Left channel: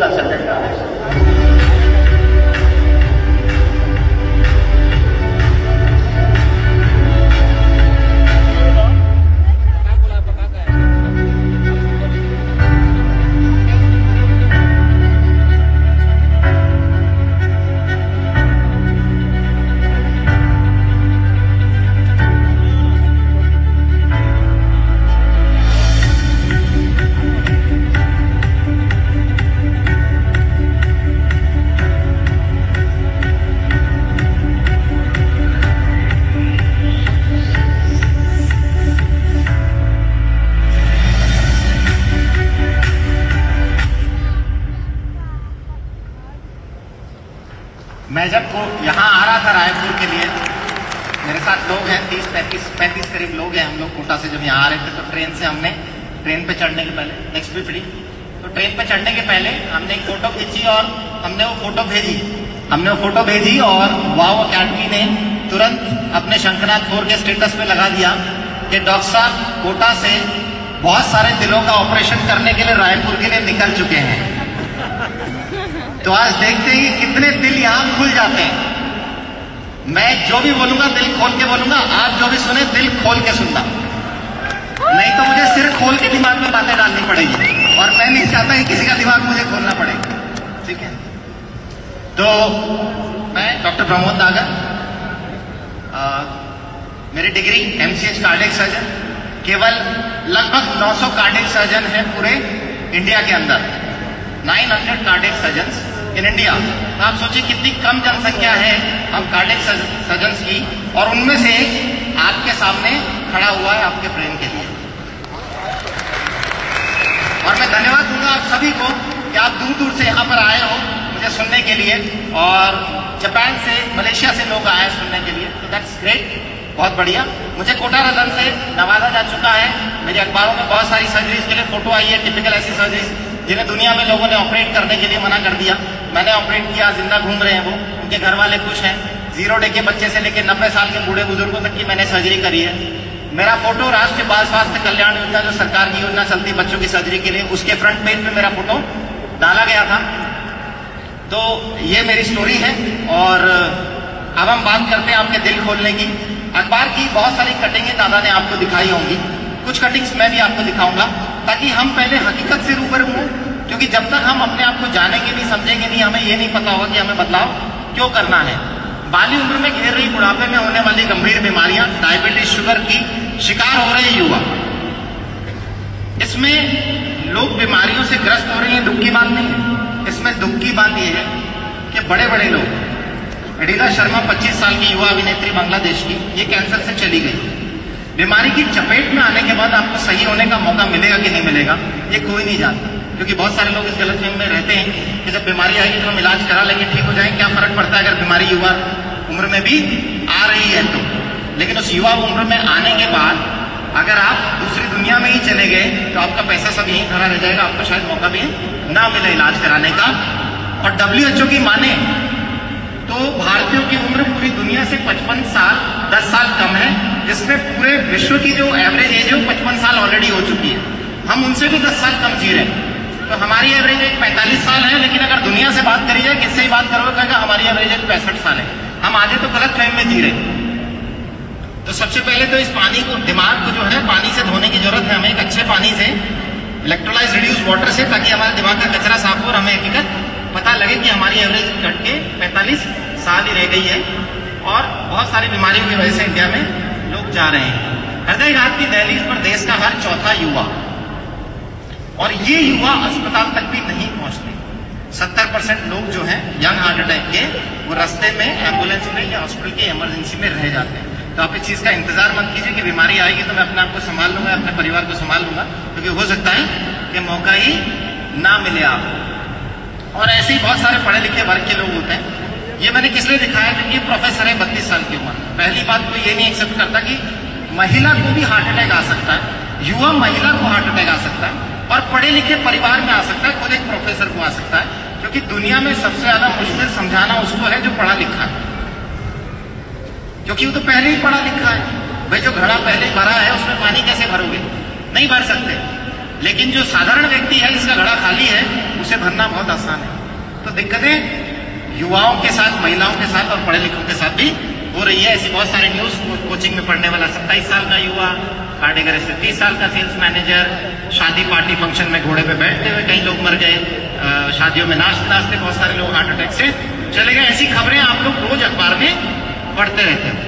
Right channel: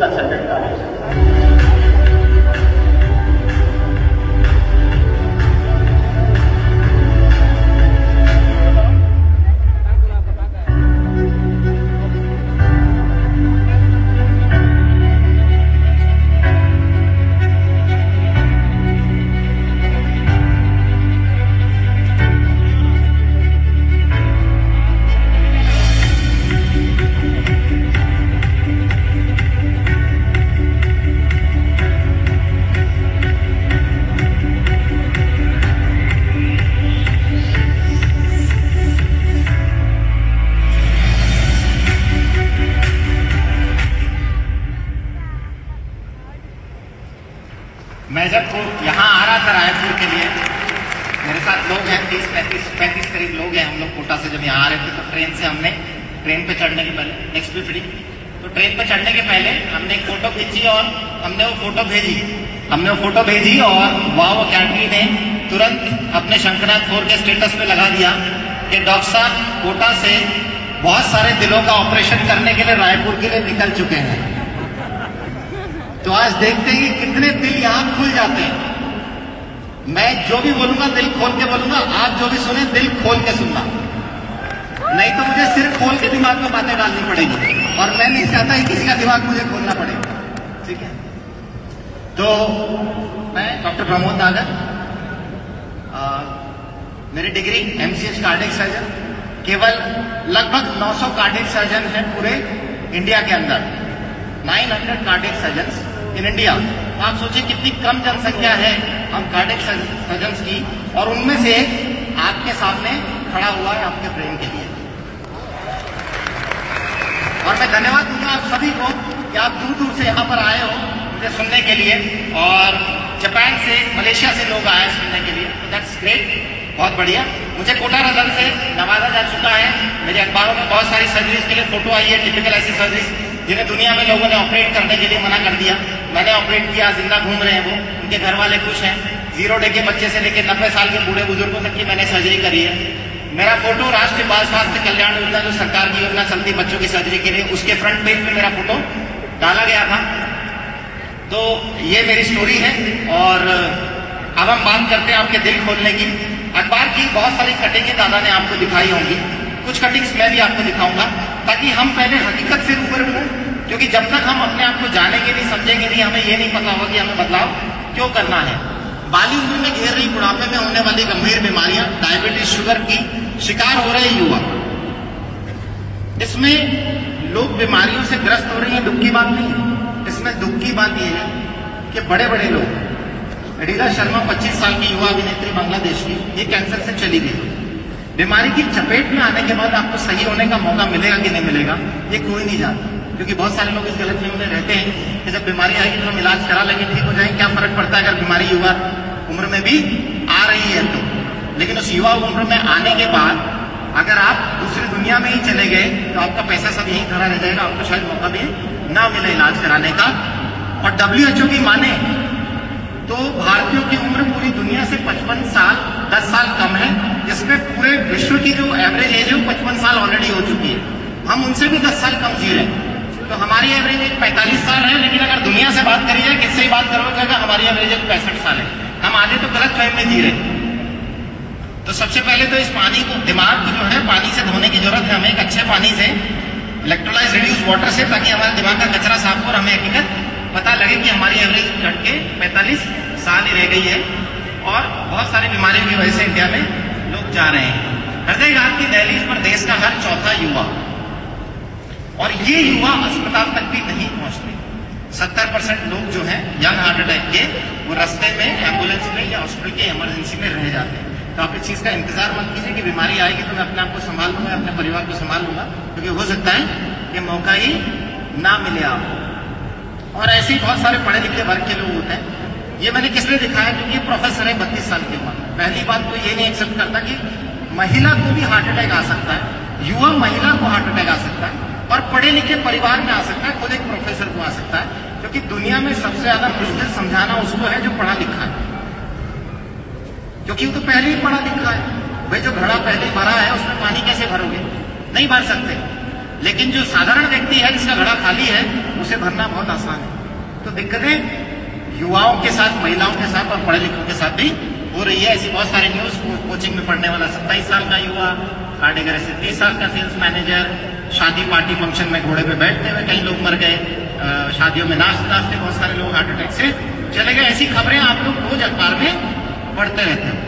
Consultant रहा है। मैं जब यहाँ आ रहा था रायपुर के लिए, मेरे साथ लोग हैं 30-35 करीब लोग हैं हम लोग कोटा से जब यहाँ आ रहे थे, तो ट्रेन से हमने ट्रेन पे चढ़ने के पहले नेक्स्ट भी फ्री, तो ट्रेन पे चढ़ने के पहले हमने एक फोटो खींची और हमने वो फोटो भेजी और वाओ अकेडमी ने तुरंत अपने शंखनाद 4 के स्टेटस पे लगा दिया कि डॉक्टर साहब कोटा से बहुत सारे दिलों का ऑपरेशन करने के लिए रायपुर के लिए निकल चुके हैं। तो आज देखते हैं कि कितने दिल यहां खुल जाते हैं। मैं जो भी बोलूंगा दिल खोल के बोलूंगा, आज जो भी सुने दिल खोल के सुनना, नहीं तो मुझे सिर खोल के दिमाग में बातें डालनी पड़ेगी और मैं नहीं चाहता कि किसी का दिमाग मुझे खोलना पड़ेगा, ठीक है। तो मैं डॉक्टर प्रमोद नागर, मेरी डिग्री MCH कार्डियक सर्जन, केवल लगभग 900 कार्डियक सर्जन है पूरे इंडिया के अंदर, 900 कार्डियक सर्जन्स इन इंडिया। तो आप सोचिए कितनी कम जनसंख्या है हम कार्डियक सर्जन्स की, और उनमें से एक आपके सामने खड़ा हुआ है आपके प्रेम के लिए। और मैं धन्यवाद दूंगा आप सभी को कि आप दूर दूर से यहाँ पर आए हो मुझे सुनने के लिए, और जापान से, मलेशिया से लोग आए सुनने के लिए, तो दैट्स ग्रेट, बहुत बढ़िया। मुझे कोटा रतन से नवाजा जा चुका है, मेरे अखबारों में बहुत सारी सर्जरीज के लिए फोटो आई है, टिपिकल ऐसी सर्जरीज जिन्हें दुनिया में लोगों ने ऑपरेट करने के लिए मना कर दिया, मैंने ऑपरेट किया, जिंदा घूम रहे हैं वो, उनके घर वाले खुश हैं। 0 डे के बच्चे से लेकर 90 साल के बूढ़े बुजुर्गों तक की मैंने सर्जरी करी है। मेरा फोटो राष्ट्रीय बाल स्वास्थ्य कल्याण योजना, जो सरकार की योजना चलती बच्चों की सर्जरी के लिए, उसके फ्रंट पेज में मेरा फोटो डाला गया था। तो ये मेरी स्टोरी है, और अब हम बात करते हैं आपके दिल खोलने की। अखबार की बहुत सारी कटिंगें दादा ने आपको दिखाई होंगी, कुछ कटिंग्स मैं भी आपको दिखाऊंगा, ताकि हम पहले हकीकत से रूबरू हों, क्योंकि जब तक हम अपने आप को जानेंगे नहीं, समझेंगे नहीं, हमें ये नहीं पता होगा कि हमें बदलाव क्यों करना है। बाली उम्र में घेर रही बुढ़ापे में होने वाली गंभीर बीमारियां, डायबिटीज, शुगर की शिकार हो रहे युवा, इसमें लोग बीमारियों से ग्रस्त हो रहे हैं, दुख की बात नहीं है। इसमें दुख की बात यह है कि बड़े बड़े लोग, रीना शर्मा 25 साल की युवा अभिनेत्री बांग्लादेश की, ये कैंसर से चली गई। बीमारी की चपेट में आने के बाद आपको सही होने का मौका मिलेगा कि नहीं मिलेगा, ये कोई नहीं जानता, क्योंकि बहुत सारे लोग इस गलतफहमी में रहते हैं कि जब बीमारी आएगी तो हम इलाज करा लेंगे, ठीक हो जाएंगे, क्या फर्क पड़ता है अगर बीमारी युवा उम्र में भी आ रही है तो। लेकिन उस युवा उम्र में आने के बाद अगर आप दूसरी दुनिया में ही चले गए तो आपका पैसा सब यहीं खड़ा रह जाएगा, आपको शायद मौका भी ना मिले इलाज कराने का। और WHO की माने तो भारतीयों की उम्र पूरी दुनिया से 55 साल 10 साल कम है, जिसमें पूरे विश्व की जो एवरेज एज है वो 55 साल ऑलरेडी हो चुकी है। हम उनसे भी 10 साल कम जी रहे हैं, तो हमारी एवरेज एज 45 साल है। लेकिन अगर दुनिया से बात करी जाए, किससे ही बात करोगे, हमारी एवरेज एज 65 साल है। हम आगे तो गलत फहमी में जी रहे हैं। तो सबसे पहले तो इस पानी को, दिमाग को जो है पानी से धोने की जरूरत है हमें, एक अच्छे पानी से, इलेक्ट्रोलाइज रिड्यूस वाटर से, ताकि हमारे दिमाग का कचरा साफ हो और हमें हकीकत पता लगे कि हमारी एवरेज घट के 45 साल ही रह गई है, और बहुत सारी बीमारियों की वजह से इंडिया में लोग जा रहे हैं। हृदयघात की दहलीज पर देश का हर चौथा युवा, और ये युवा अस्पताल तक भी नहीं पहुंचते। 70% लोग जो हैं यंग हार्ट अटैक के, वो रास्ते में एम्बुलेंस में या हॉस्पिटल की इमरजेंसी में रह जाते हैं। तो आप इस चीज का इंतजार मत कीजिए कि बीमारी आएगी तो मैं अपने आप को संभाल लूंगा, अपने परिवार को संभाल लूंगा, क्योंकि हो सकता है कि मौका ही ना मिले आपको। और ऐसे ही बहुत सारे पढ़े लिखे वर्ग के लोग होते हैं। ये मैंने किस लिए दिखाया, क्योंकि प्रोफेसर है 32 साल की उम्र। पहली बात तो ये नहीं एक्सेप्ट करता कि महिला को भी हार्ट अटैक आ सकता है, युवा महिला को हार्ट अटैक आ सकता है, और पढ़े लिखे परिवार में आ सकता है, खुद एक प्रोफेसर को आ सकता है। क्योंकि दुनिया में सबसे ज्यादा मुश्किल समझाना उसको है जो पढ़ा लिखा है, क्योंकि वो तो पहले ही पढ़ा लिखा है। भाई जो घड़ा पहले भरा है उसमें पानी कैसे भरोगे, नहीं भर सकते। लेकिन जो साधारण व्यक्ति है जिसका घड़ा खाली है, उसे भरना बहुत आसान है। तो दिक्कतें युवाओं के साथ, महिलाओं के साथ और पढ़े लिखों के साथ भी हो रही है। ऐसी बहुत सारी न्यूज, कोचिंग में पढ़ने वाला 27 साल का युवा हार्ट अटैक से, 30 साल का सेल्स मैनेजर शादी पार्टी फंक्शन में घोड़े पे बैठते हुए कई लोग मर गए, शादियों में नाचते नाचते बहुत सारे लोग हार्ट अटैक से चले गए। ऐसी खबरें आप लोग रोज अखबार में पढ़ते रहते हैं।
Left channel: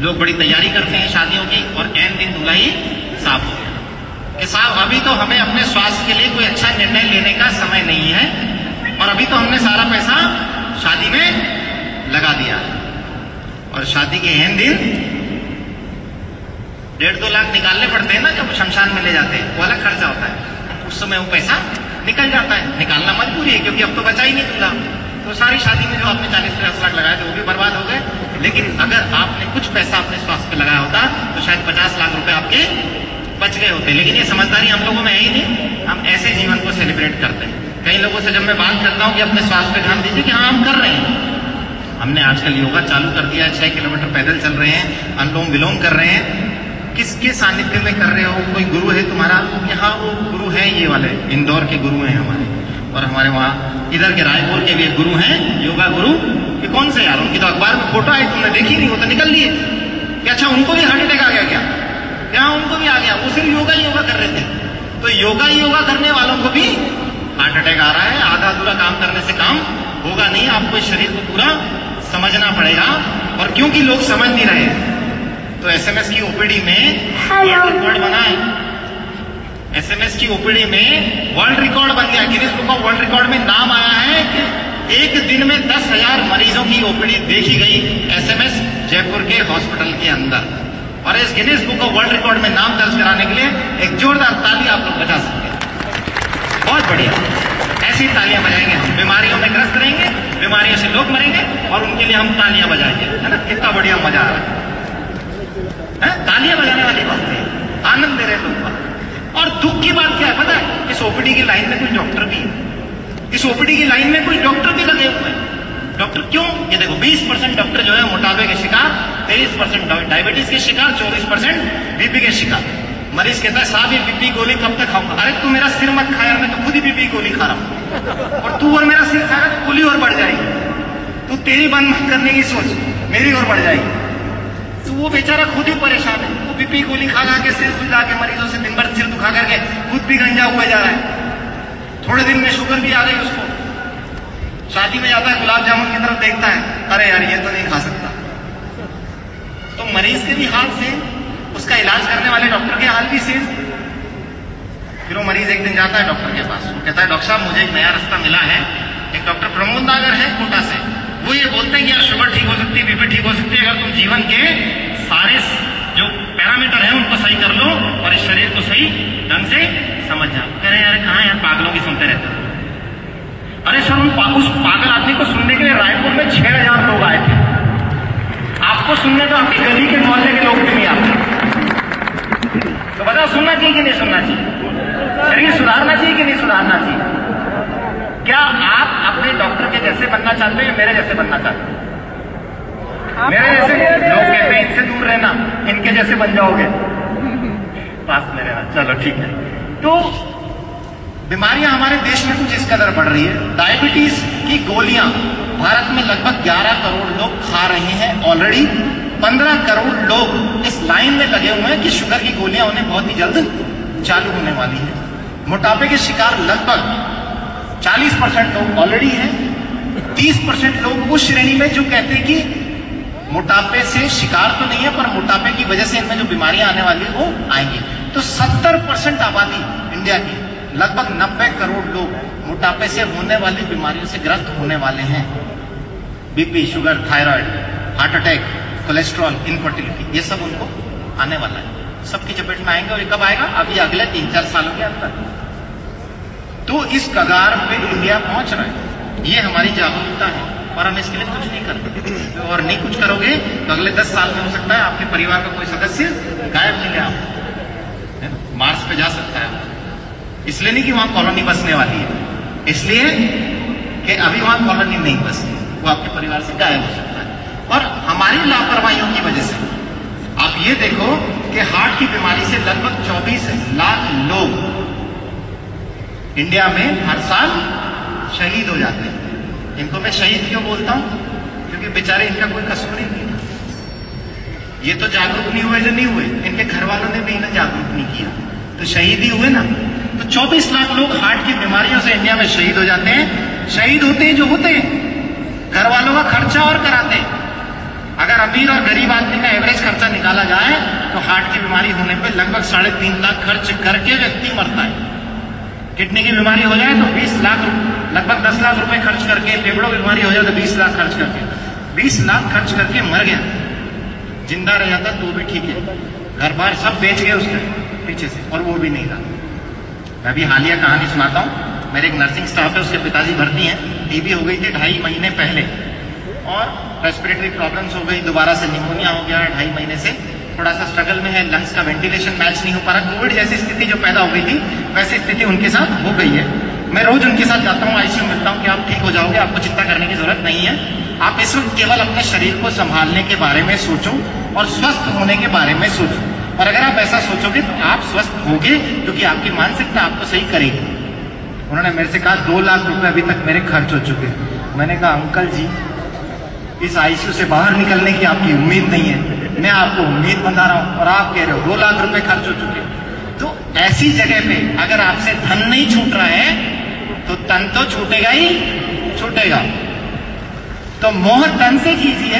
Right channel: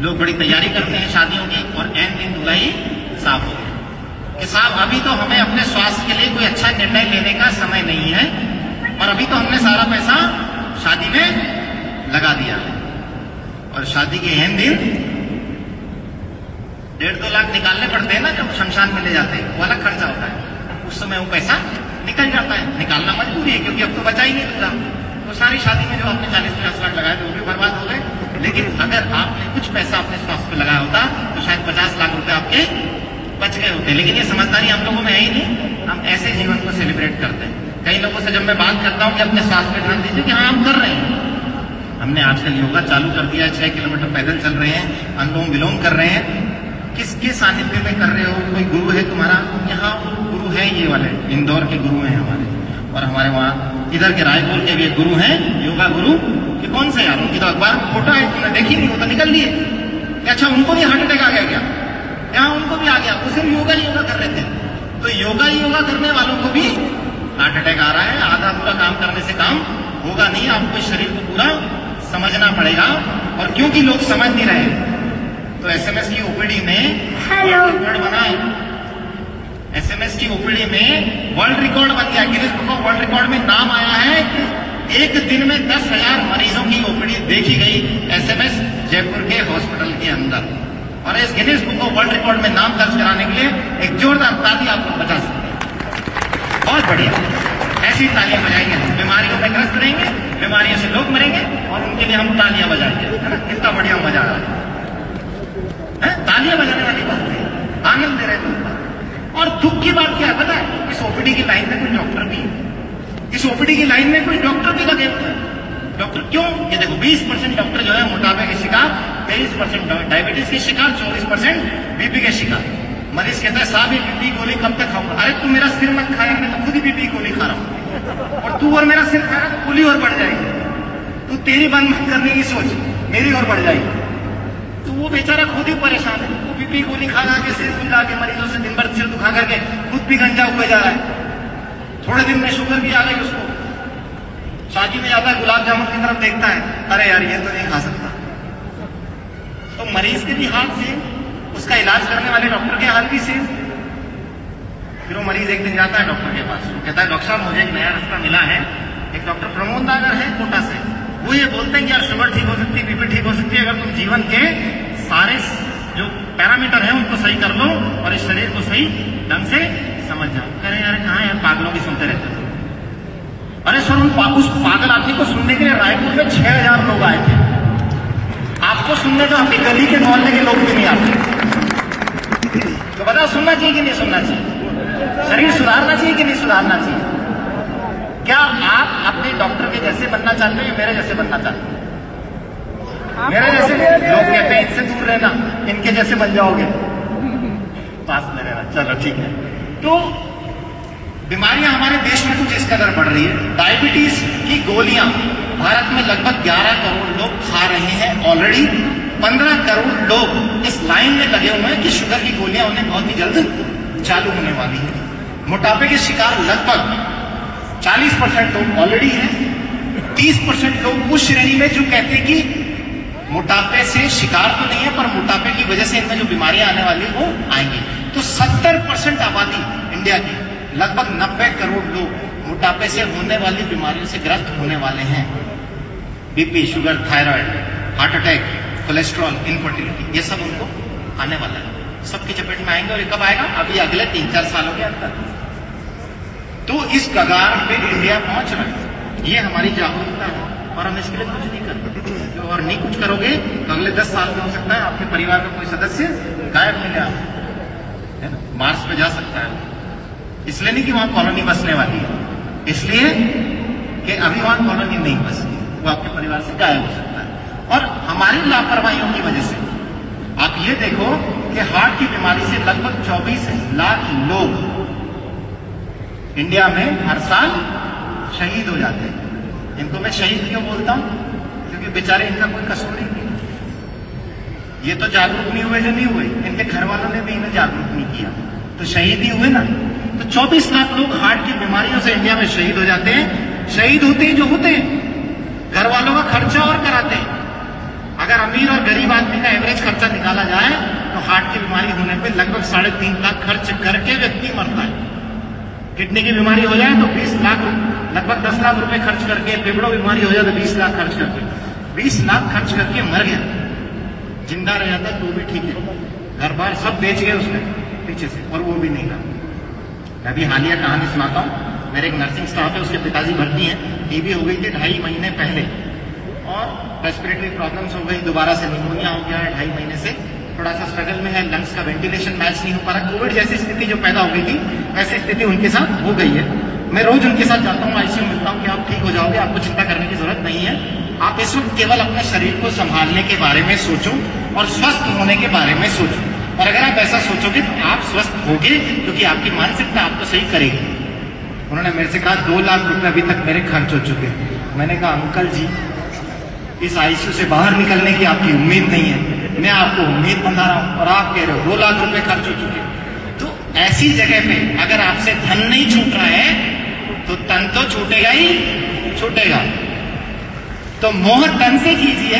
लोग बड़ी तैयारी करते हैं शादियों की और ऐन दिन दुल्हाई साफ होते हैं कि साहब अभी तो हमें अपने स्वास्थ्य के लिए कोई अच्छा निर्णय लेने का समय नहीं है और अभी तो हमने सारा पैसा शादी में लगा दिया है और शादी के ऐन दिन 1.5-2 लाख निकालने पड़ते हैं ना जब शमशान में ले जाते हैं, वो अलग खर्चा होता है। उस समय वो पैसा निकल जाता है, निकालना मजबूरी है क्योंकि अब तो बचा ही नहीं दूंगा। तो सारी शादी में जो आपने 40-50 लाख लगाए थे वो भी बर्बाद हो गए। लेकिन अगर आपने कुछ पैसा अपने स्वास्थ्य पे लगाया होता तो शायद 50 लाख रुपए आपके बच गए होते। लेकिन ये समझदारी हम लोगों में है ही नहीं, हम ऐसे जीवन को सेलिब्रेट करते हैं। कई लोगों से जब मैं बात करता हूँ कि अपने स्वास्थ्य पे ध्यान दीजिए, कि हाँ हम कर रहे हैं, हमने आजकल योगा चालू कर दिया है, 6 किलोमीटर पैदल चल रहे हैं, अनुलोम विलोम कर रहे हैं। किसके सानिध्य में कर रहे हो? कोई गुरु है तुम्हारा? यहाँ वो गुरु है, ये वाले इंदौर के गुरु हैं हमारे, और हमारे वहाँ इधर के रायपुर के भी गुरु हैं, योगा गुरु। कि कौन से यार, उनकी तो अखबार में फोटो है, तुमने देखी नहीं, वो तो निकल लिए कि अच्छा उनको भी हार्ट अटैक आ गया क्या? यहाँ उनको भी आ गया, वो सिर्फ योगा कर रहे थे। तो योगा करने वालों को भी हार्ट अटैक आ रहा है। आधा अधूरा काम करने से काम होगा नहीं, आपको शरीर को पूरा समझना पड़ेगा। और क्योंकि लोग समझ नहीं रहे तो एसएमएस की ओपीडी में वर्ल्ड रिकॉर्ड बना है। एसएमएस की ओपीडी में वर्ल्ड रिकॉर्ड बन गया। Guinness book of world record में नाम आया है कि एक दिन में 10,000 मरीजों की ओपीडी देखी गई एसएमएस जयपुर के हॉस्पिटल के अंदर। और इस Guinness book of world record में नाम दर्ज कराने के लिए एक जोरदार ताली आप लोग बजा सकते हैं। बहुत बढ़िया, ऐसी तालियां बजाएंगे हम। बीमारियों में ग्रस्त रहेंगे, बीमारियों से लोग मरेंगे और उनके लिए हम तालियां बजाएंगे, है ना? कितना बढ़िया मजा आ रहा है। तालियां बजाने वाली बात है, आनंद दे रहे लोग। और दुख की बात क्या है पता है? इस ओपीडी की लाइन में कोई डॉक्टर भी है, इस ओपीडी की लाइन में कोई डॉक्टर भी लगे हुए हैं। डॉक्टर क्यों? ये देखो 20% डॉक्टर जो है मोटापे के शिकार, 23% डायबिटीज के शिकार, 24% बीपी के शिकार। मरीज कहता है साहब ये बीपी गोली कब तक खाऊंगा? अरे तू मेरा सिर मत खाया, मैं तो खुद ही बीपी गोली खा रहा हूं और तू और मेरा सिर खा रहा है, गोली और बढ़ जाएगी। तू तेरी बंद करने की सोच, मेरी और बढ़ जाएगी। तो वो बेचारा खुद ही परेशान है, वो बीपी गोली खा के सिर खुजा के मरीजों से दिन भर सिर दुखा करके खुद भी गंजा हुआ जा रहा है। थोड़े दिन में शुगर भी आ गई उसको, शादी में जाता है गुलाब जामुन की तरफ देखता है, अरे यार ये तो नहीं खा सकता। तो मरीज के भी हाल से, उसका इलाज करने वाले डॉक्टर के हाल भी से। फिर वो मरीज एक दिन जाता है डॉक्टर के पास, वो कहता है डॉक्टर साहब मुझे एक नया रास्ता मिला है। एक डॉक्टर प्रमोद नागर है कोटा से, वो ये बोलते हैं कि यार शुगर ठीक हो सकती है, बीपी ठीक हो सकती है अगर तुम जीवन के सारे जो पैरामीटर हैं उनको सही कर लो और इस शरीर को सही ढंग से समझ जाओ। कह रहे यार कहाँ यार पागलों की सुनते रहते हो। अरे सर उस पागल आदमी को सुनने के लिए रायपुर में 6,000 लोग आए थे। आपको सुनने जो आपकी गली के मोहल्ले के लोग भी नहीं आते। तो बताओ सुनना चाहिए कि नहीं सुनना चाहिए? शरीर सुधारना चाहिए कि नहीं सुधारना चाहिए? क्या आप अपने डॉक्टर के जैसे बनना चाहते हैं, मेरे जैसे बनना चाहते हैं? मेरे जैसे लोग कहते हैं इनसे दूर रहना, इनके जैसे बन जाओगे, पास में रहना। चलो ठीक है। तो बीमारियां हमारे देश में कुछ इस कदर बढ़ रही है। डायबिटीज की गोलियां भारत में लगभग 11 करोड़ लोग खा रहे हैं ऑलरेडी। 15 करोड़ लोग इस लाइन में लगे हुए हैं कि शुगर की गोलियां उन्हें बहुत ही जल्द चालू होने वाली है। मोटापे के शिकार लगभग 40% लोग ऑलरेडी हैं। 30% लोग उस श्रेणी में जो कहते हैं कि मोटापे से शिकार तो नहीं है पर मोटापे की वजह से इनमें जो बीमारियां आने वाली वो आएंगी। तो 70% आबादी इंडिया की, लगभग 90 करोड़ लोग मोटापे से होने वाली बीमारियों से ग्रस्त होने वाले हैं। BP, sugar, thyroid, heart attack, cholesterol, infertility, ये सब उनको आने वाले हैं। सबकी चपेट में आएंगे और ये कब आएगा? अभी अगले 3-4 सालों के अंदर। तो इस कगार पे इंडिया पहुंच रहा है। ये हमारी जागरूकता है और हम इसके लिए कुछ नहीं करते। और नहीं कुछ करोगे तो अगले 10 साल में हो सकता है आपके परिवार का कोई सदस्य गायब मिल गया, मार्स पे जा सकता है। इसलिए नहीं कि वहां कॉलोनी बसने वाली है, इसलिए कि अभी वहां कॉलोनी नहीं बसी, वो आपके परिवार से गायब हो सकता है। और हमारी लापरवाहियों की वजह से आप ये देखो कि हार्ट की बीमारी से लगभग 24 लाख लोग इंडिया में हर साल शहीद हो जाते हैं। इनको मैं शहीद क्यों बोलता हूं? क्योंकि बेचारे इनका कोई कसूर नहीं किया। ये तो जागरूक नहीं हुए जो नहीं हुए, इनके घर वालों ने भी इन्हें जागरूक नहीं किया, तो शहीद ही हुए ना। तो 24 लाख लोग हार्ट की बीमारियों से इंडिया में शहीद हो जाते हैं। शहीद होते हैं जो होते हैं, घर वालों का खर्चा और कराते हैं। अगर अमीर और गरीब आदमी का एवरेज खर्चा निकाला जाए तो हार्ट की बीमारी होने पे लगभग 3.5 लाख खर्च करके व्यक्ति मरता है। किडनी की बीमारी हो जाए तो 20 लाख, लगभग 10 लाख रुपए खर्च करके, फेफड़ों की बीमारी हो जाए तो 20 लाख खर्च करके, 20 लाख खर्च करके मर गया। जिंदा रह जाता तो भी ठीक है, घर बार सब बेच गए उसने पीछे से, और वो भी नहीं रहा। मैं अभी हालिया कहानी सुनाता हूँ। मेरे एक नर्सिंग स्टाफ है, उसके पिताजी भर्ती हैं, टीबी हो गई थी 2.5 महीने पहले, और रेस्पिरेटरी प्रॉब्लम्स हो गई, दोबारा से निमोनिया हो गया 2.5 महीने से, थोड़ा सा स्ट्रगल में है, लंग्स का वेंटिलेशन मैच नहीं हो पा रहा। कोविड जैसी स्थिति जो पैदा हो गई थी वैसी स्थिति उनके साथ हो गई है। मैं रोज उनके साथ जाता हूँ, आईसीयू मिलता हूँ कि आप ठीक हो जाओगे, आपको चिंता करने की जरूरत नहीं है, आप इस वक्त केवल अपने शरीर को संभालने के बारे में सोचो और स्वस्थ होने के बारे में सोचो। और अगर आप ऐसा सोचोगे तो आप स्वस्थ होगे, क्योंकि आपकी मानसिकता आपको सही करेगी। उन्होंने मेरे से कहा 2 लाख रुपए अभी तक मेरे खर्च हो चुके। मैंने कहा अंकल जी, इस आईसीयू से बाहर निकलने की आपकी उम्मीद नहीं है, मैं आपको उम्मीद बना रहा हूं, और आप कह रहे हो 2 लाख रुपए खर्च हो चुके। तो ऐसी जगह पे अगर आपसे धन नहीं छूट रहा है तो तन तो छूटेगा ही छूटेगा। तो मोह तन से कीजिए,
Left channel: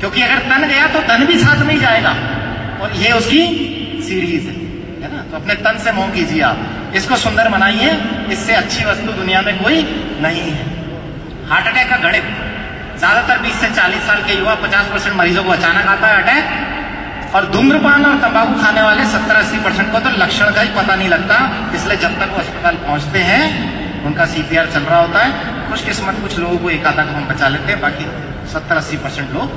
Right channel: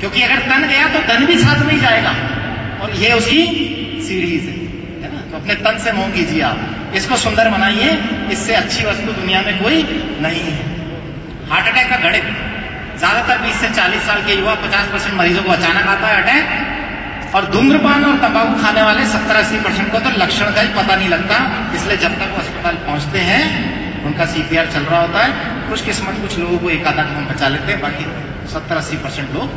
क्योंकि अगर तन गया तो तन भी साथ में जाएगा, और ये उसकी सीरीज है ना। तो अपने तन से मोह कीजिए, आप इसको सुंदर बनाइए, इससे अच्छी वस्तु दुनिया में कोई नहीं है। हार्ट अटैक का गणित, ज्यादातर 20 से 40 साल के युवा 50% मरीजों को अचानक आता है अटैक, और धूम्रपान और तंबाकू खाने वाले 70-80% को तो लक्षण का ही पता नहीं लगता। इसलिए जब तक वो अस्पताल पहुंचते हैं उनका सीपीआर चल रहा होता है। खुशकिस्मत कुछ लोगों को एक आधा घंटा बचा लेते हैं, बाकी 70-80% लोग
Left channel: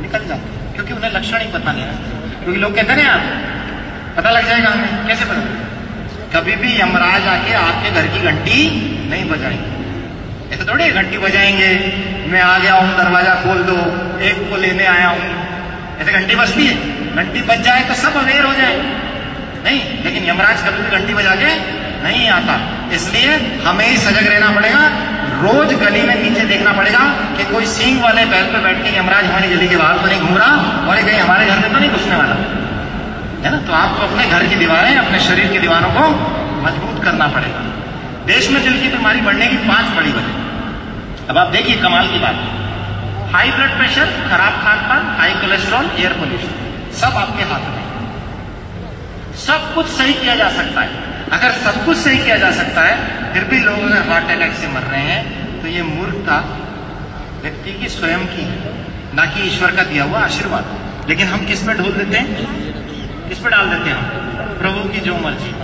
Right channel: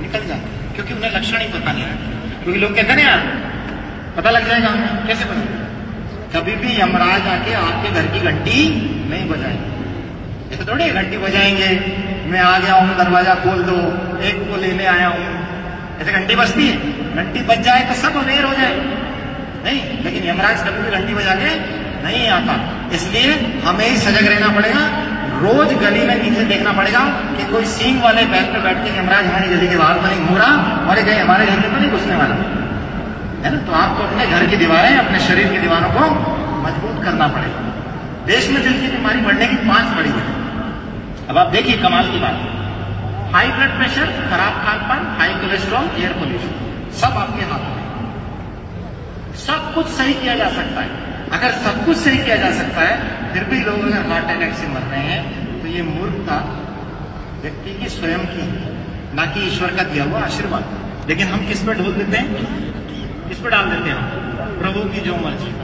निकल जाते हैं, क्योंकि उन्हें लक्षण ही पता नहीं लगता। क्योंकि लोग कहते हैं यार पता लग जाएगा हमें, कैसे पता? कभी भी यमराज आके आपके घर की घंटी नहीं बजाएंगे। ऐसे थोड़ी घंटी बजाएंगे, मैं आ गया हूं दरवाजा खोल दो, एक को लेने आया हूं, ऐसे घंटी बजती है? घंटी बज जाए तो सब अवेयर हो जाए, नहीं। लेकिन यमराज कभी भी घंटी बजा के नहीं आता, इसलिए हमें ही सजग रहना पड़ेगा। रोज गली में नीचे देखना पड़ेगा कि कोई सींग वाले बैल पे बैठ के यमराज हमारी गली के बाहर तो नहीं घूम रहा, और कहीं हमारे घर में तो नहीं घुसने वाला, है ना। तो आपको अपने घर की दीवारें, अपने शरीर की दीवारों को मजबूत करना पड़ेगा। देश में दिल की बीमारी बढ़ने की 5 बड़ी वजह। अब आप देखिए कमाल की बात, हाई ब्लड प्रेशर, खराब खान पान, हाई कोलेस्ट्रॉल, एयर पोल्यूशन, सब आपके हाथ में। सब कुछ सही किया जा सकता है। अगर सब कुछ सही किया जा सकता है फिर भी लोग अगर हार्ट अटैक से मर रहे हैं तो ये मूर्खता व्यक्ति की स्वयं की है, ना कि ईश्वर का दिया हुआ आशीर्वाद। लेकिन हम किस पे ढोल देते हैं, किस पे डाल देते हैं? प्रभु की जो मर्जी।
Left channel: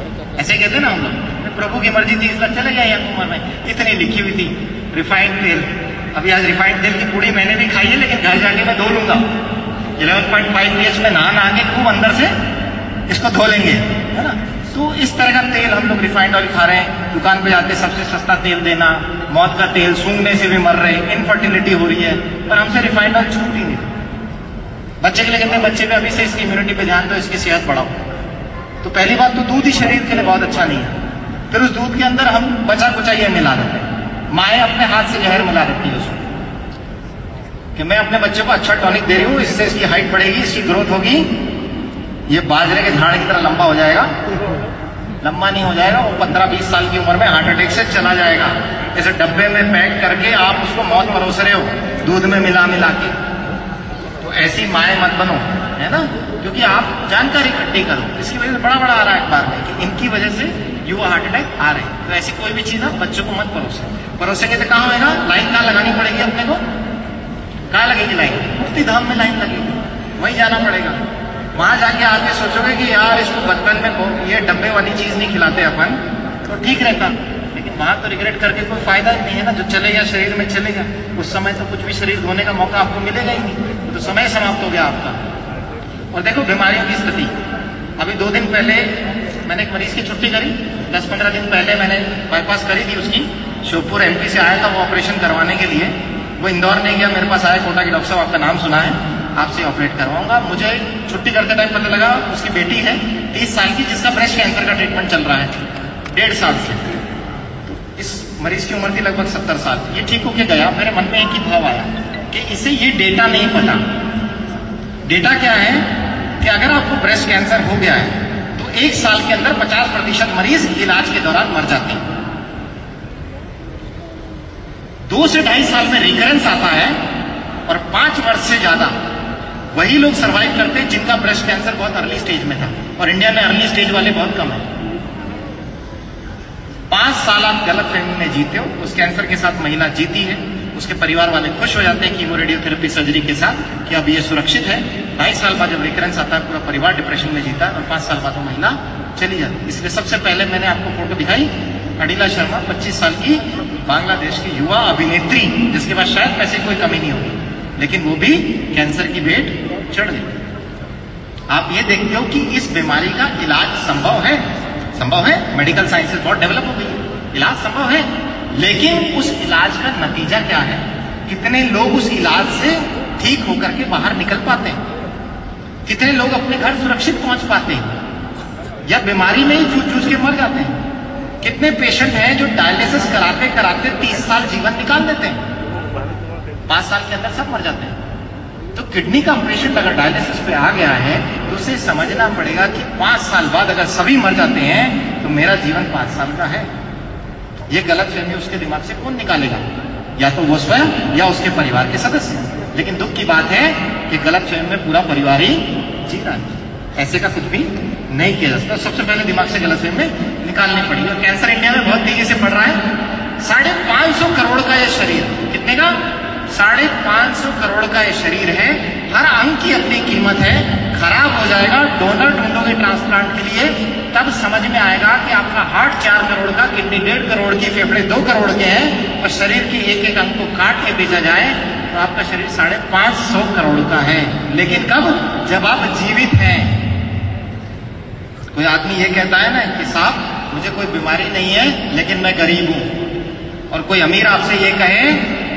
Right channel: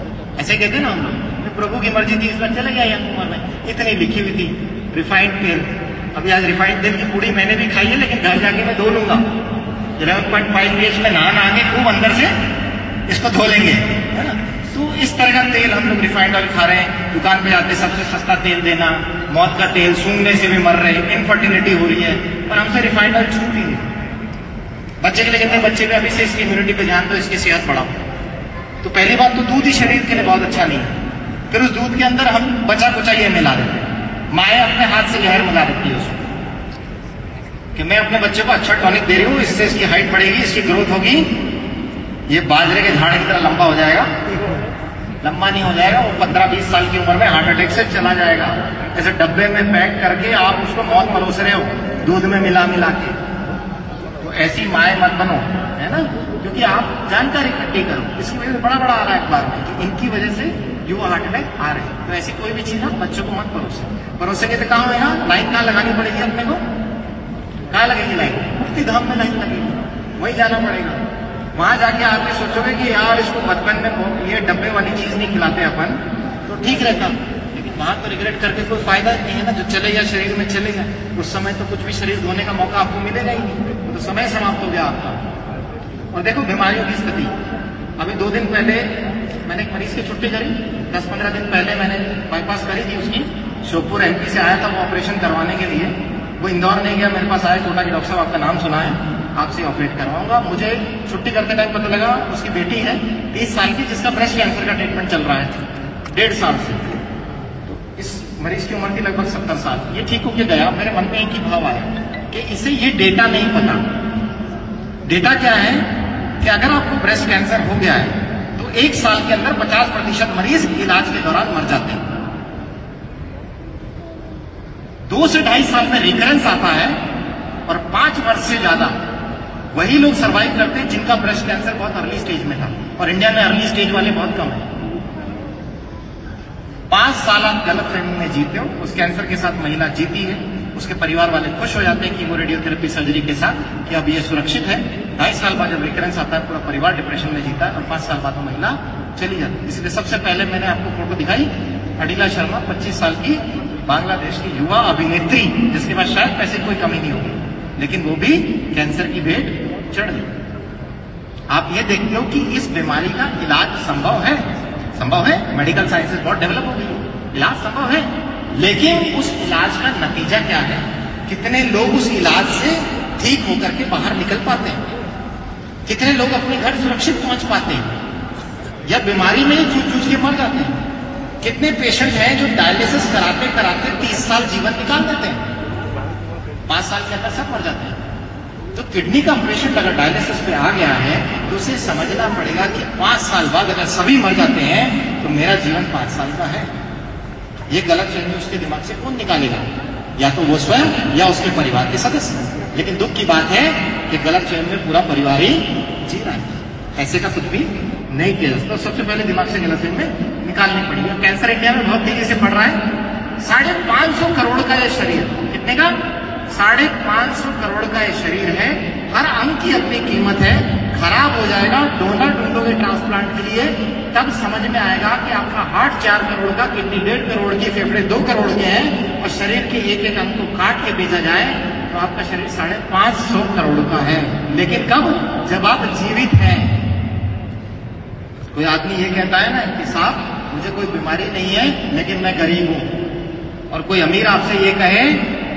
ऐसे कहते हैं ना हम लोग, प्रभु की मर्जी थी इसका चले गए यहाँ उम्र में, इतनी लिखी हुई थी। रिफाइंड तेल, अभी आज रिफाइंड तेल की पूड़ी मैंने भी खाई है, लेकिन घर जाके मैं धो लूंगा। 11.5 pH में नहा के खूब अंदर से इसको धो लेंगे, है ना। तो इस तरह का तेल हम लोग रिफाइंड ऑयल खा रहे हैं, दुकान पे जाते सबसे सस्ता तेल देना, मौत का तेल, सूंघने से भी मर रहे हैं, इनफर्टिलिटी हो रही है, और हमसे रिफाइंड ऑयल छूट ही नहीं। बच्चे के लिए बच्चे भी अभी से इसकी इम्यूनिटी पे ध्यान दो, इसकी सेहत बढ़ाओ। तो पहली बात तो दूध ही शरीर के लिए बहुत अच्छा नहीं है। फिर उस दूध के अंदर हम बचा कुचा ये मिला देते हैं, माएँ अपने हाथ से जहर मिला देती है उसको, कि मैं अपने बच्चे को अच्छा टॉनिक दे रही हूँ, इससे इसकी हाइट बढ़ेगी, इसकी ग्रोथ होगी, ये बाजरे के झाड़ की तरह लंबा हो जाएगा। लंबा नहीं हो जाएगा, वो 15-20 साल की उम्र में हार्ट अटैक से चला जाएगा। ऐसे डब्बे में पैक करके आप उसको मौत परोस रहे हो, दूध में मिला मिला के। तो ऐसी माएँ मत बनो, है ना, क्योंकि आप जानकारी इकट्ठी करो। इसकी वजह से बड़ा आ रहा है अखबार में कि इनकी वजह से युवा हार्ट अटैक आ रहे हैं। तो ऐसी कोई भी चीज आप बच्चों को मत परोसेंगे तो कहाँ होगा? लाइन कहाँ लगानी पड़ेगी अपने को? कहाँ लगेगी लाइन? मुक्ति धाम में लाइन लगेगी, वहीं जाना पड़ेगा। वहां जाके आके सोचोगे कि यार इसको बचपन में ये डब्बे वाली चीज नहीं खिलाते अपन तो ठीक रहता, लेकिन वहां तो रिग्रेट करके कोई फायदा ही नहीं है ना। जो चलेगा शरीर में चलेगा, उस समय तो कुछ भी शरीर धोने का मौका आपको मिलेगा ही नहीं, तो समय समाप्त हो गया आपका। और देखो बीमारियों की स्थिति, अभी 2 दिन पहले मैंने एक मरीज की छुट्टी करी, 10-15 दिन पहले मैंने बाईपास करी थी उसकी। श्योपुर MP से आया था वो ऑपरेशन करवाने के लिए, वो इंदौर नहीं गया, मेरे पास आया, कोटा के डॉक्टर साहब आपका नाम सुना है, आपसे ऑपरेट करवाऊंगा। मुझे छुट्टी करते टाइम पता लगा उसकी बेटी है 30 साल की, जिसका ब्रेस्ट कैंसर का ट्रीटमेंट चल रहा है 1.5 साल से। तो इस मरीज की उम्र थी लगभग 70 साल। ये ठीक होके गया। मेरे मन में एक ही भाव आया कि इसे ये डेटा नहीं पता। डेटा क्या है कि अगर आपको ब्रेस्ट कैंसर हो गया है तो 1 साल के अंदर 50% मरीज इलाज के दौरान मर जाते हैं। 2 से 2.5 साल में रिकरेंस आता है और 5 वर्ष से ज्यादा वही लोग सर्वाइव करते हैं जिनका ब्रेस्ट कैंसर बहुत अर्ली स्टेज में था। और इंडिया में अर्ली स्टेज वाले बहुत कम है। 5 साल आप गलतफहमी में जीते हो, उस कैंसर के साथ महिला जीती है, उसके परिवार वाले खुश हो जाते हैं कीमो रेडियोथेरेपी सर्जरी के साथ कि अब ये सुरक्षित है। 2.5 साल बाद जब रिकरेंस आता है पूरा परिवार डिप्रेशन में जीता है और 5 साल बाद वो महिला चली जाती है। इसलिए सबसे पहले मैंने आपको फोटो दिखाई अडिला शर्मा, 25 साल की बांग्लादेश की युवा अभिनेत्री, जिसके पास शायद पैसे कोई कमी नहीं होगी, लेकिन वो भी कैंसर की भेंट चढ़ गई। आप ये देखते हो कि इस बीमारी का इलाज संभव है। संभव है, मेडिकल साइंसेज बहुत डेवलप हो गई है, इलाज संभव है, लेकिन उस इलाज का नतीजा क्या है? कितने लोग उस इलाज से ठीक होकर के बाहर निकल पाते हैं? कितने लोग अपने घर सुरक्षित पहुंच पाते हैं या बीमारी में जूझ के मर जाते हैं? कितने पेशेंट हैं जो डायलिसिस कराते कराते 30 साल जीवन निकाल देते हैं, 5 साल के अंदर सब मर जाते हैं। तो किडनी का पेशेंट अगर डायलिसिस पे आ गया है तो उसे समझना पड़ेगा कि 5 साल बाद अगर सभी मर जाते हैं तो मेरा जीवन 5 साल का है। ये गलतफहमी उसके दिमाग से कौन निकालेगा? या तो वो स्वयं या उसके परिवार के सदस्य। लेकिन दुख की बात है कि गलतफहमी में पूरा परिवार ही जी रहा है। ऐसे का कुछ भी नहीं किया जा सकता। सबसे पहले दिमाग से गलतफहमी निकालनी पड़ेगी। और कैंसर इंडिया में बहुत तेजी से बढ़ रहा है। 550 करोड़ का ये शरीर, कितने का? 550 करोड़ का ये शरीर है। हर अंग की अपनी कीमत है। खराब हो जाएगा, डोनर ढूंढोगे ट्रांसप्लांट के लिए, तब समझ में आएगा कि आपका हार्ट 4 करोड़ का, किडनी 1.5 करोड़ की, फेफड़े 2 करोड़ के हैं और शरीर के एक अंग को काट के बेचा जाए तो आपका शरीर 550 करोड़ का है। लेकिन कब? जब आप जीवित हैं। कोई आदमी ये कहता है ना कि साहब मुझे कोई बीमारी नहीं है लेकिन मैं गरीब हूं। और कोई अमीर आपसे ये कहे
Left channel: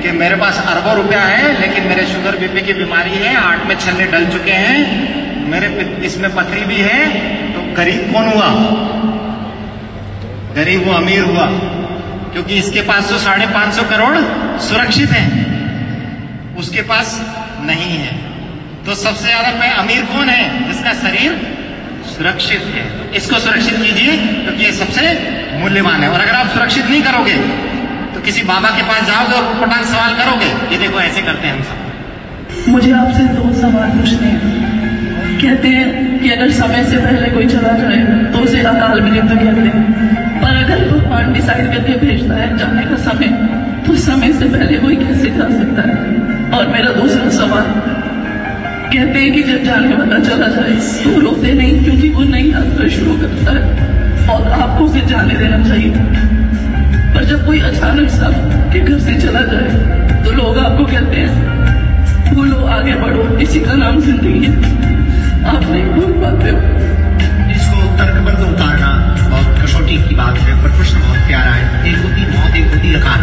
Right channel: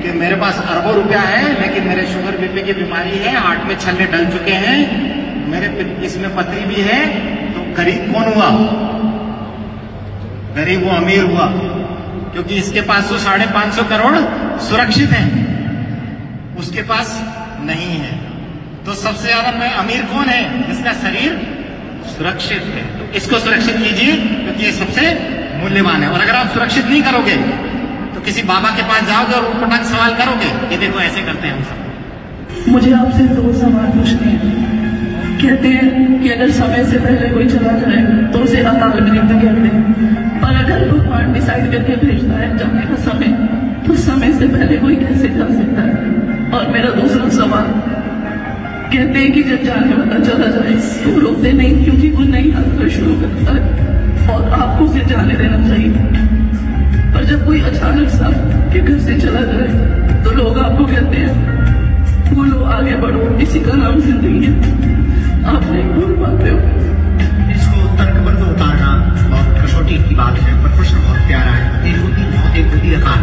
कि मेरे पास अरबों रुपया है लेकिन मेरे शुगर बीपी की बीमारी है, हार्ट में छल्ले डल चुके हैं, मेरे इसमें पथरी भी है, तो गरीब कौन हुआ? गरीब वो अमीर हुआ, क्योंकि इसके पास तो 550 करोड़ सुरक्षित हैं, उसके पास नहीं है। तो सबसे ज्यादा में अमीर कौन है? जिसका शरीर सुरक्षित है। इसको सुरक्षित कीजिए क्योंकि ये सबसे मूल्यवान है। और अगर आप सुरक्षित नहीं करोगे तो किसी बाबा के पास जाओगे और पटांग सवाल करोगे, ये देखो ऐसे करते हैं सब। मुझे आपसे 2 सवाल पूछने हैं। कहते हैं कि अगर समय से पहले कोई चला जाए तो उसे अकाल विलंब कहते हैं, पर अगर भगवान डिसाइड करके भेजता है जाने का समय, तो समय से पहले कोई कैसे जा सकता है? और मेरा दूसरा सवाल, कहते हैं कि जब जाने वाला चला जाए तो रोते नहीं, क्योंकि वो नई यात्रा शुरू करता है और आपको उसे जाने देना चाहिए। पर जब कोई अचानक सा के घर से चला जाए तो लोग आपको कहते हैं बोलो आगे बढ़ो, इसी का नाम जिंदगी है। आप नहीं भूल पाते हो। इसको तर्क पर उतारना और कसौटी की बात है, पर प्रश्न बहुत प्यारा है। एक होती मौत, एक होती अकाल।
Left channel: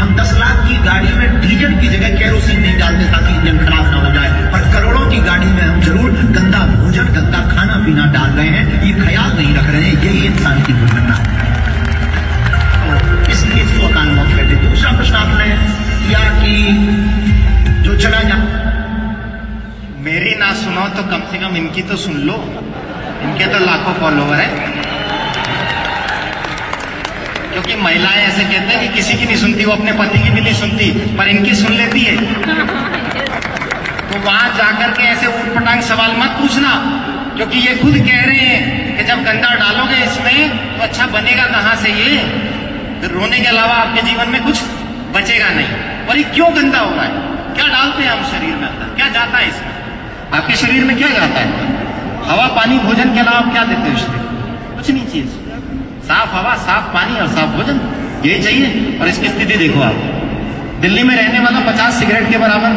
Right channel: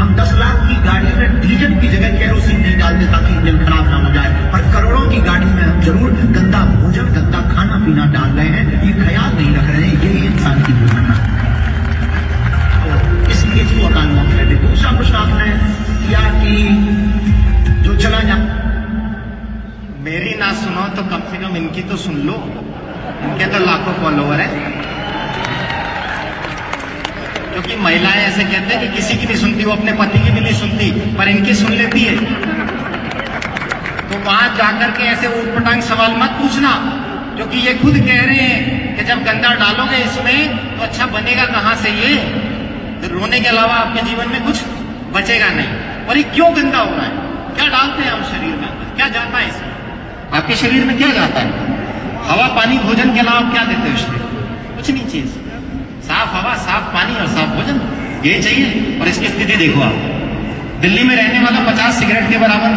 हम 10 लाख की गाड़ी में डीजल की जगह केरोसिन नहीं डालते ताकि इंजन खराब ना हो जाए, पर करोड़ों की गाड़ी में हम जरूर गंदा भोजन, गंदा खाना पीना डाल रहे हैं, ये ख्याल नहीं रख रहे हैं। यही इंसान की दुर्घटना है, इसलिए इसको अकाल मौत कहते हैं। दूसरा प्रश्न आपने किया कि जो चला जा, मेरी ना सुनो तो कम से कम इनकी तो सुन लो। इनके तो लाखों फॉलोवर हैं। क्योंकि महिलाएं ऐसे कहते हैं कि किसी की नहीं सुनती, वो अपने पति की भी नहीं सुनती, पर इनकी सुन लेती है। तो वहां जाकर के ऐसे उटपटांग सवाल मत पूछना, क्योंकि ये खुद कह रहे हैं कि जब गंदा डालोगे इसमें तो अच्छा बनेगा कहां से? ये तो रोने के अलावा आपके जीवन में कुछ बचेगा नहीं। और ये क्यों गंदा होगा? क्या डालते हैं हम शरीर में? क्या जाता है इसमें? आपके शरीर में क्या जाता है? हवा, पानी, भोजन के अलावा क्या देते हैं शरीर? कुछ नहीं चीज। साफ हवा, साफ पानी और साफ भोजन, ये चाहिए। और इसकी स्थिति देखो आप, दिल्ली में रहने वाला 50 सिगरेट के बराबर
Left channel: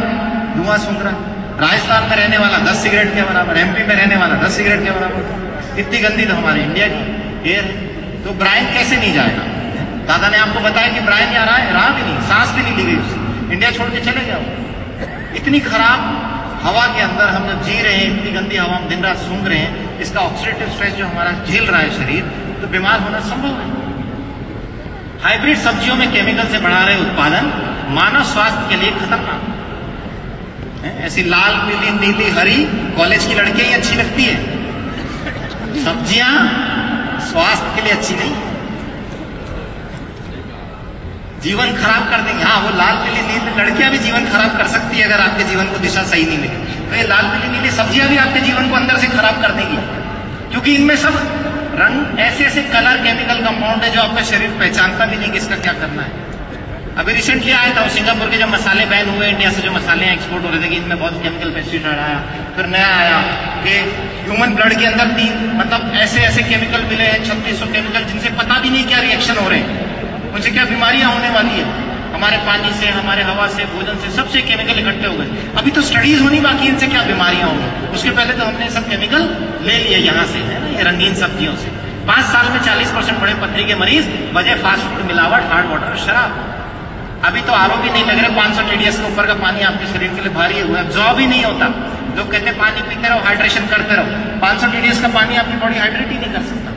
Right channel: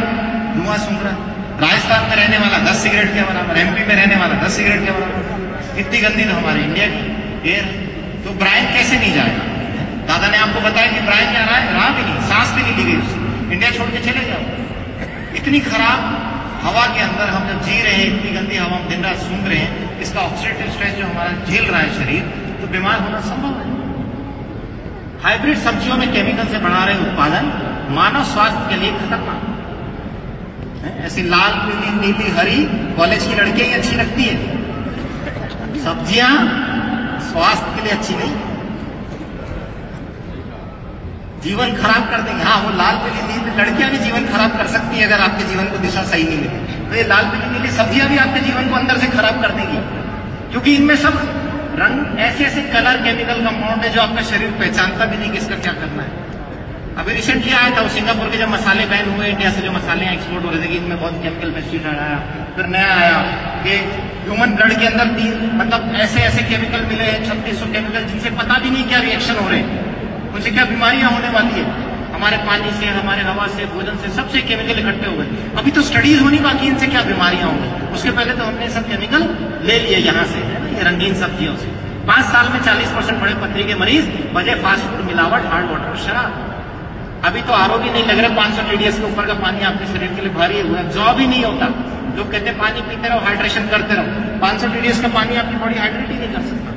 धुआं सूंघ रहा है, राजस्थान में रहने वाला 10 सिगरेट के बराबर, एमपी में रहने वाला 10 सिगरेट के बराबर। इतनी गंदी तो हमारी इंडिया की एयर। तो ब्राइन कैसे नहीं जाएगा? दादा ने आपको बताया कि ब्राइन क्या रहा भी नहीं, सांस भी नहीं ली गई उससे। इंडिया छोड़ के चले जाओ। इतनी खराब हवा के अंदर हम जब जी रहे हैं, इतनी गंदी हवा हम दिन रात सूंघ रहे हैं, इसका ऑक्सीडेटिव स्ट्रेस जो हमारा झेल रहा है शरीर, तो बीमार होना संभव है। हाइब्रिड सब्जियों में केमिकल से बढ़ा रहे उत्पादन मानव स्वास्थ्य के लिए खतरनाक है। ऐसी लाल पीली नीली हरी कॉलेज की लड़कियां ही अच्छी लगती है, सब्जियां स्वास्थ्य के लिए अच्छी नहीं, जीवन खराब कर देंगे। हाँ, वो लाल पीली नीली लड़कियां भी जीवन खराब कर सकती है अगर आपके जीवन को दिशा सही नहीं मिले। तो ये लाल पीली नीली सब्जियां भी आपके जीवन को अंदर से खराब कर देंगी, क्योंकि इनमें सब रंग ऐसे ऐसे कलर केमिकल कंपाउंड है जो आपका शरीर पहचानता भी नहीं कि इसका क्या करना है। अभी रिसेंटली आया था सिंगापुर के जब मसाले बैन हुए, इंडिया से जो मसाले एक्सपोर्ट हो रहे थे कि इनमें बहुत केमिकल पेस्टिसाइड आया। फिर नया आया कि ह्यूमन ब्लड के अंदर 3 ऐसे ऐसे केमिकल मिले हैं, 3600 केमिकल, जिनसे पता भी नहीं क्या रिएक्शन हो रहे हैं, उनसे क्या बीमारियां होने वाली है। हमारे पानी से, हमारे हवा से, भोजन से, सबसे केमिकल इकट्ठे हो गए। अभी तो स्टडीज होनी बाकी इनसे क्या बीमारियां होंगी। उसके पहले तो हमने सब केमिकल ले लिए यहाँ से, है ना, ये रंगीन सब्जियों से। 5 साल में 40% बड़े पथरी के मरीज, वजह फास्ट फूड मिलावट, हार्ड वाटर, शराब। अभी तो आरओ भी नहीं लग रहा, 500 TDS के ऊपर का पानी आपके शरीर के लिए भारी हुआ, एब्जॉर्ब ही नहीं होता। लोग कहते हैं पानी पीते रहो, हाइड्रेशन करते रहो। 500 TDS का पानी आपकी बॉडी हाइड्रेट ही नहीं कर सकता।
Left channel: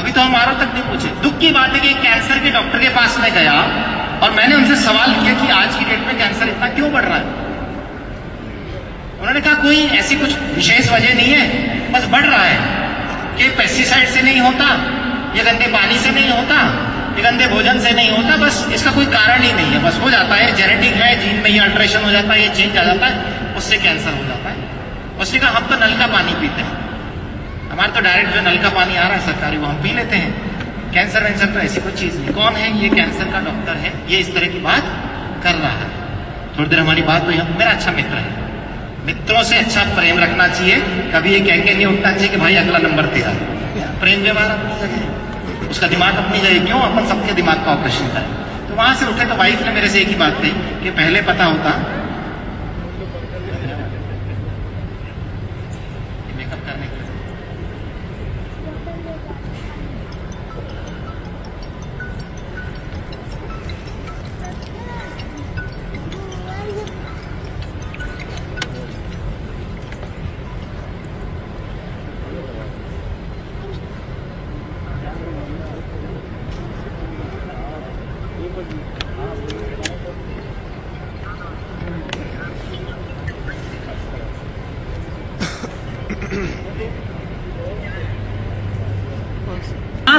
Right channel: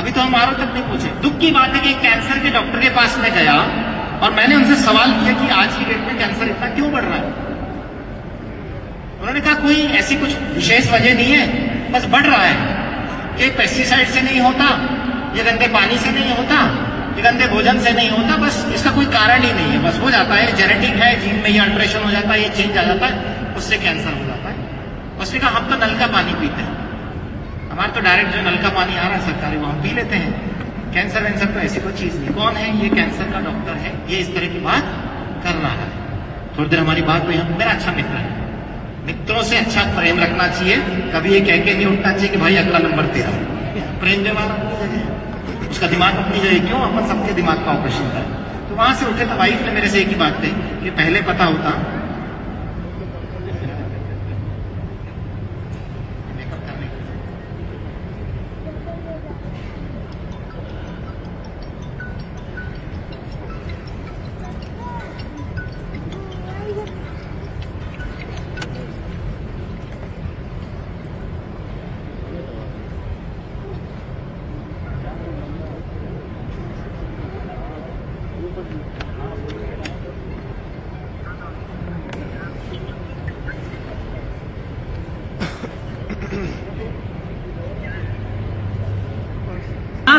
अभी तो हम आरओ तक नहीं पूछे। दुख की बात है कि कैंसर के डॉक्टर के पास में गया और मैंने उनसे सवाल किया कि आज की डेट में कैंसर इतना क्यों बढ़ रहा है। उन्होंने कहा कोई ऐसी कुछ विशेष वजह नहीं है, बस बढ़ रहा है। कि पेस्टिसाइड से नहीं होता, ये गंदे पानी से नहीं होता, ये गंदे भोजन से नहीं होता, बस इसका कोई कारण ही नहीं है, बस हो जाता है, जेनेटिक है, जीन में ये अल्ट्रेशन हो जाता है, ये चेंज आ जाता है, उससे कैंसर हो जाता है। उसने कहा हम तो नल का पानी पीते हैं, हमारे तो डायरेक्ट जो नल का पानी आ रहा है सरकारी वो हम पी लेते हैं, कैंसर वैंसर तो ऐसी कोई चीज नहीं। कौन है ये? कैंसर का डॉक्टर है, ये इस तरह की बात कर रहा है। थोड़ी देर हमारी बात हुई, मेरा अच्छा मित्र है, मित्रों से अच्छा प्रेम रखना चाहिए। कभी ये कह के नहीं उठना चाहिए कि भाई अगला नंबर तेरा। प्रेम व्यवहार अपनी जगह, उसका दिमाग अपनी जगह, क्यों अपन सबके दिमाग का ऑपरेशन करें। तो वहां से उठे तो वाइफ ने मेरे से एक ही बात कही कि पहले पता होता मेकअप करने की।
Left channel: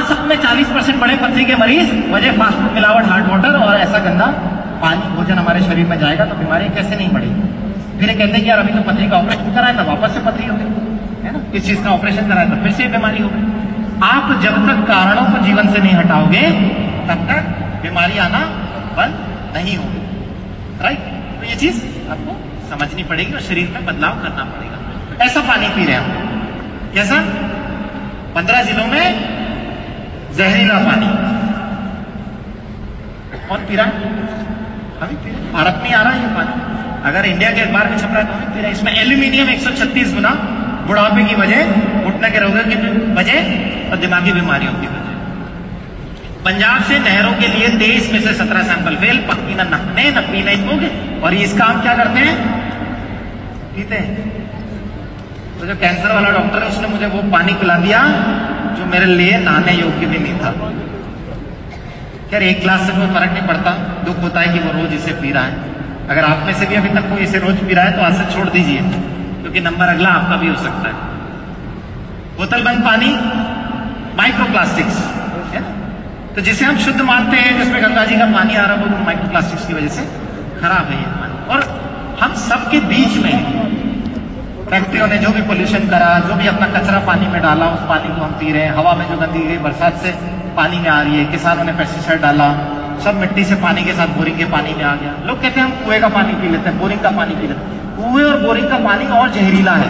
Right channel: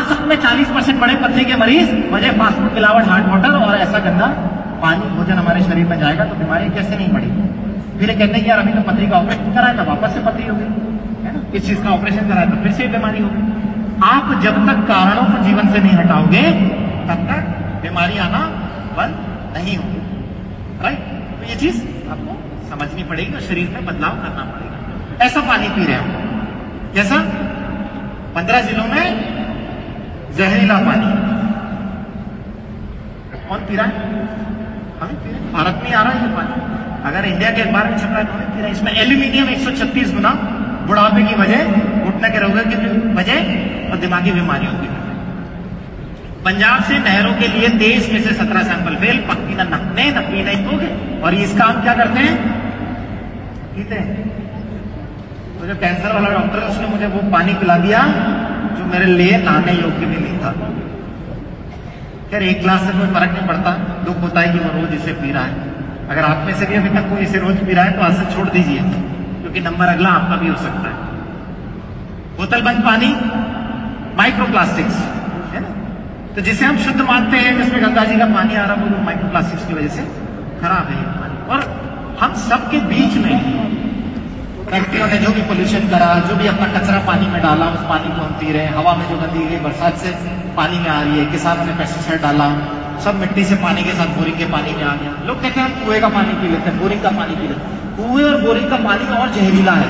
सब में 40% बड़े पथरी के मरीज, वजह फास्ट फूड मिलावट, हार्ड वाटर और ऐसा गंदा पानी भोजन हमारे शरीर में जाएगा तो बीमारी कैसे नहीं बढ़ेगी। फिर कहते हैं कि यार अभी तो पथरी का ऑपरेशन कराया था, वापस से पथरी होगी, है ना, किस चीज का ऑपरेशन कराया था, फिर से बीमारी होगी। आप जब तक कारणों को जीवन से नहीं हटाओगे तब तक बीमारी आना बंद नहीं होगी। राइट? तो ये चीज आपको समझनी पड़ेगी और शरीर में बदलाव करना पड़ेगा। ऐसा पानी पी रहे हैं हम, कैसा? 15 जिलों में जहरीला पानी कौन पी रहा है? हम पी रहे। भारत में आ रहा है ये पानी, अगर इंडिया के अखबार में छप रहा है तो पी रहा है। इसमें एल्यूमिनियम 136 गुना, बुढ़ापे की वजह, घुटने के रोगों की वजह और दिमागी बीमारियों की वजह। पंजाब से नहरों के लिए 23 में से 17 सैंपल फेल, पक्की न नहाने न पीने योग्य। और ये इसका हम क्या करते हैं? पीते हैं। तो जो कैंसर वाला डॉक्टर है उसने मुझे वो पानी पिला दिया जो मेरे लिए नहाने योग्य भी नहीं था। यार 1 ग्लास से कोई फर्क नहीं पड़ता, दुख होता है कि वो रोज इसे पी रहा है। अगर आप में से भी अभी तक कोई इसे रोज पी रहा है तो आज से छोड़ दीजिए, क्योंकि नंबर अगला आपका भी हो सकता है। बोतल बंद पानी, माइक्रोप्लास्टिक्स, है ना, तो जिसे हम शुद्ध मानते हैं, जिसमें गंगा जी का पानी आ रहा है वो माइक्रोप्लास्टिक्स की वजह से खराब है ये पानी। और हम सबके बीच में फैक्ट्रियों ने जो भी पोल्यूशन करा, जो भी अपना कचरा पानी में डाला, उस पानी को हम पी रहे हैं। हवा में जो गंदगी बरसात से पानी में आ रही है, किसानों ने पेस्टिसाइड डाला, सब मिट्टी से पानी के साथ बोरिंग के पानी में आ गया। लोग कहते हैं हम कुएं का पानी पी लेते हैं, बोरिंग का पानी पी लेते हैं। कुएं और बोरिंग का पानी और जहरीला है,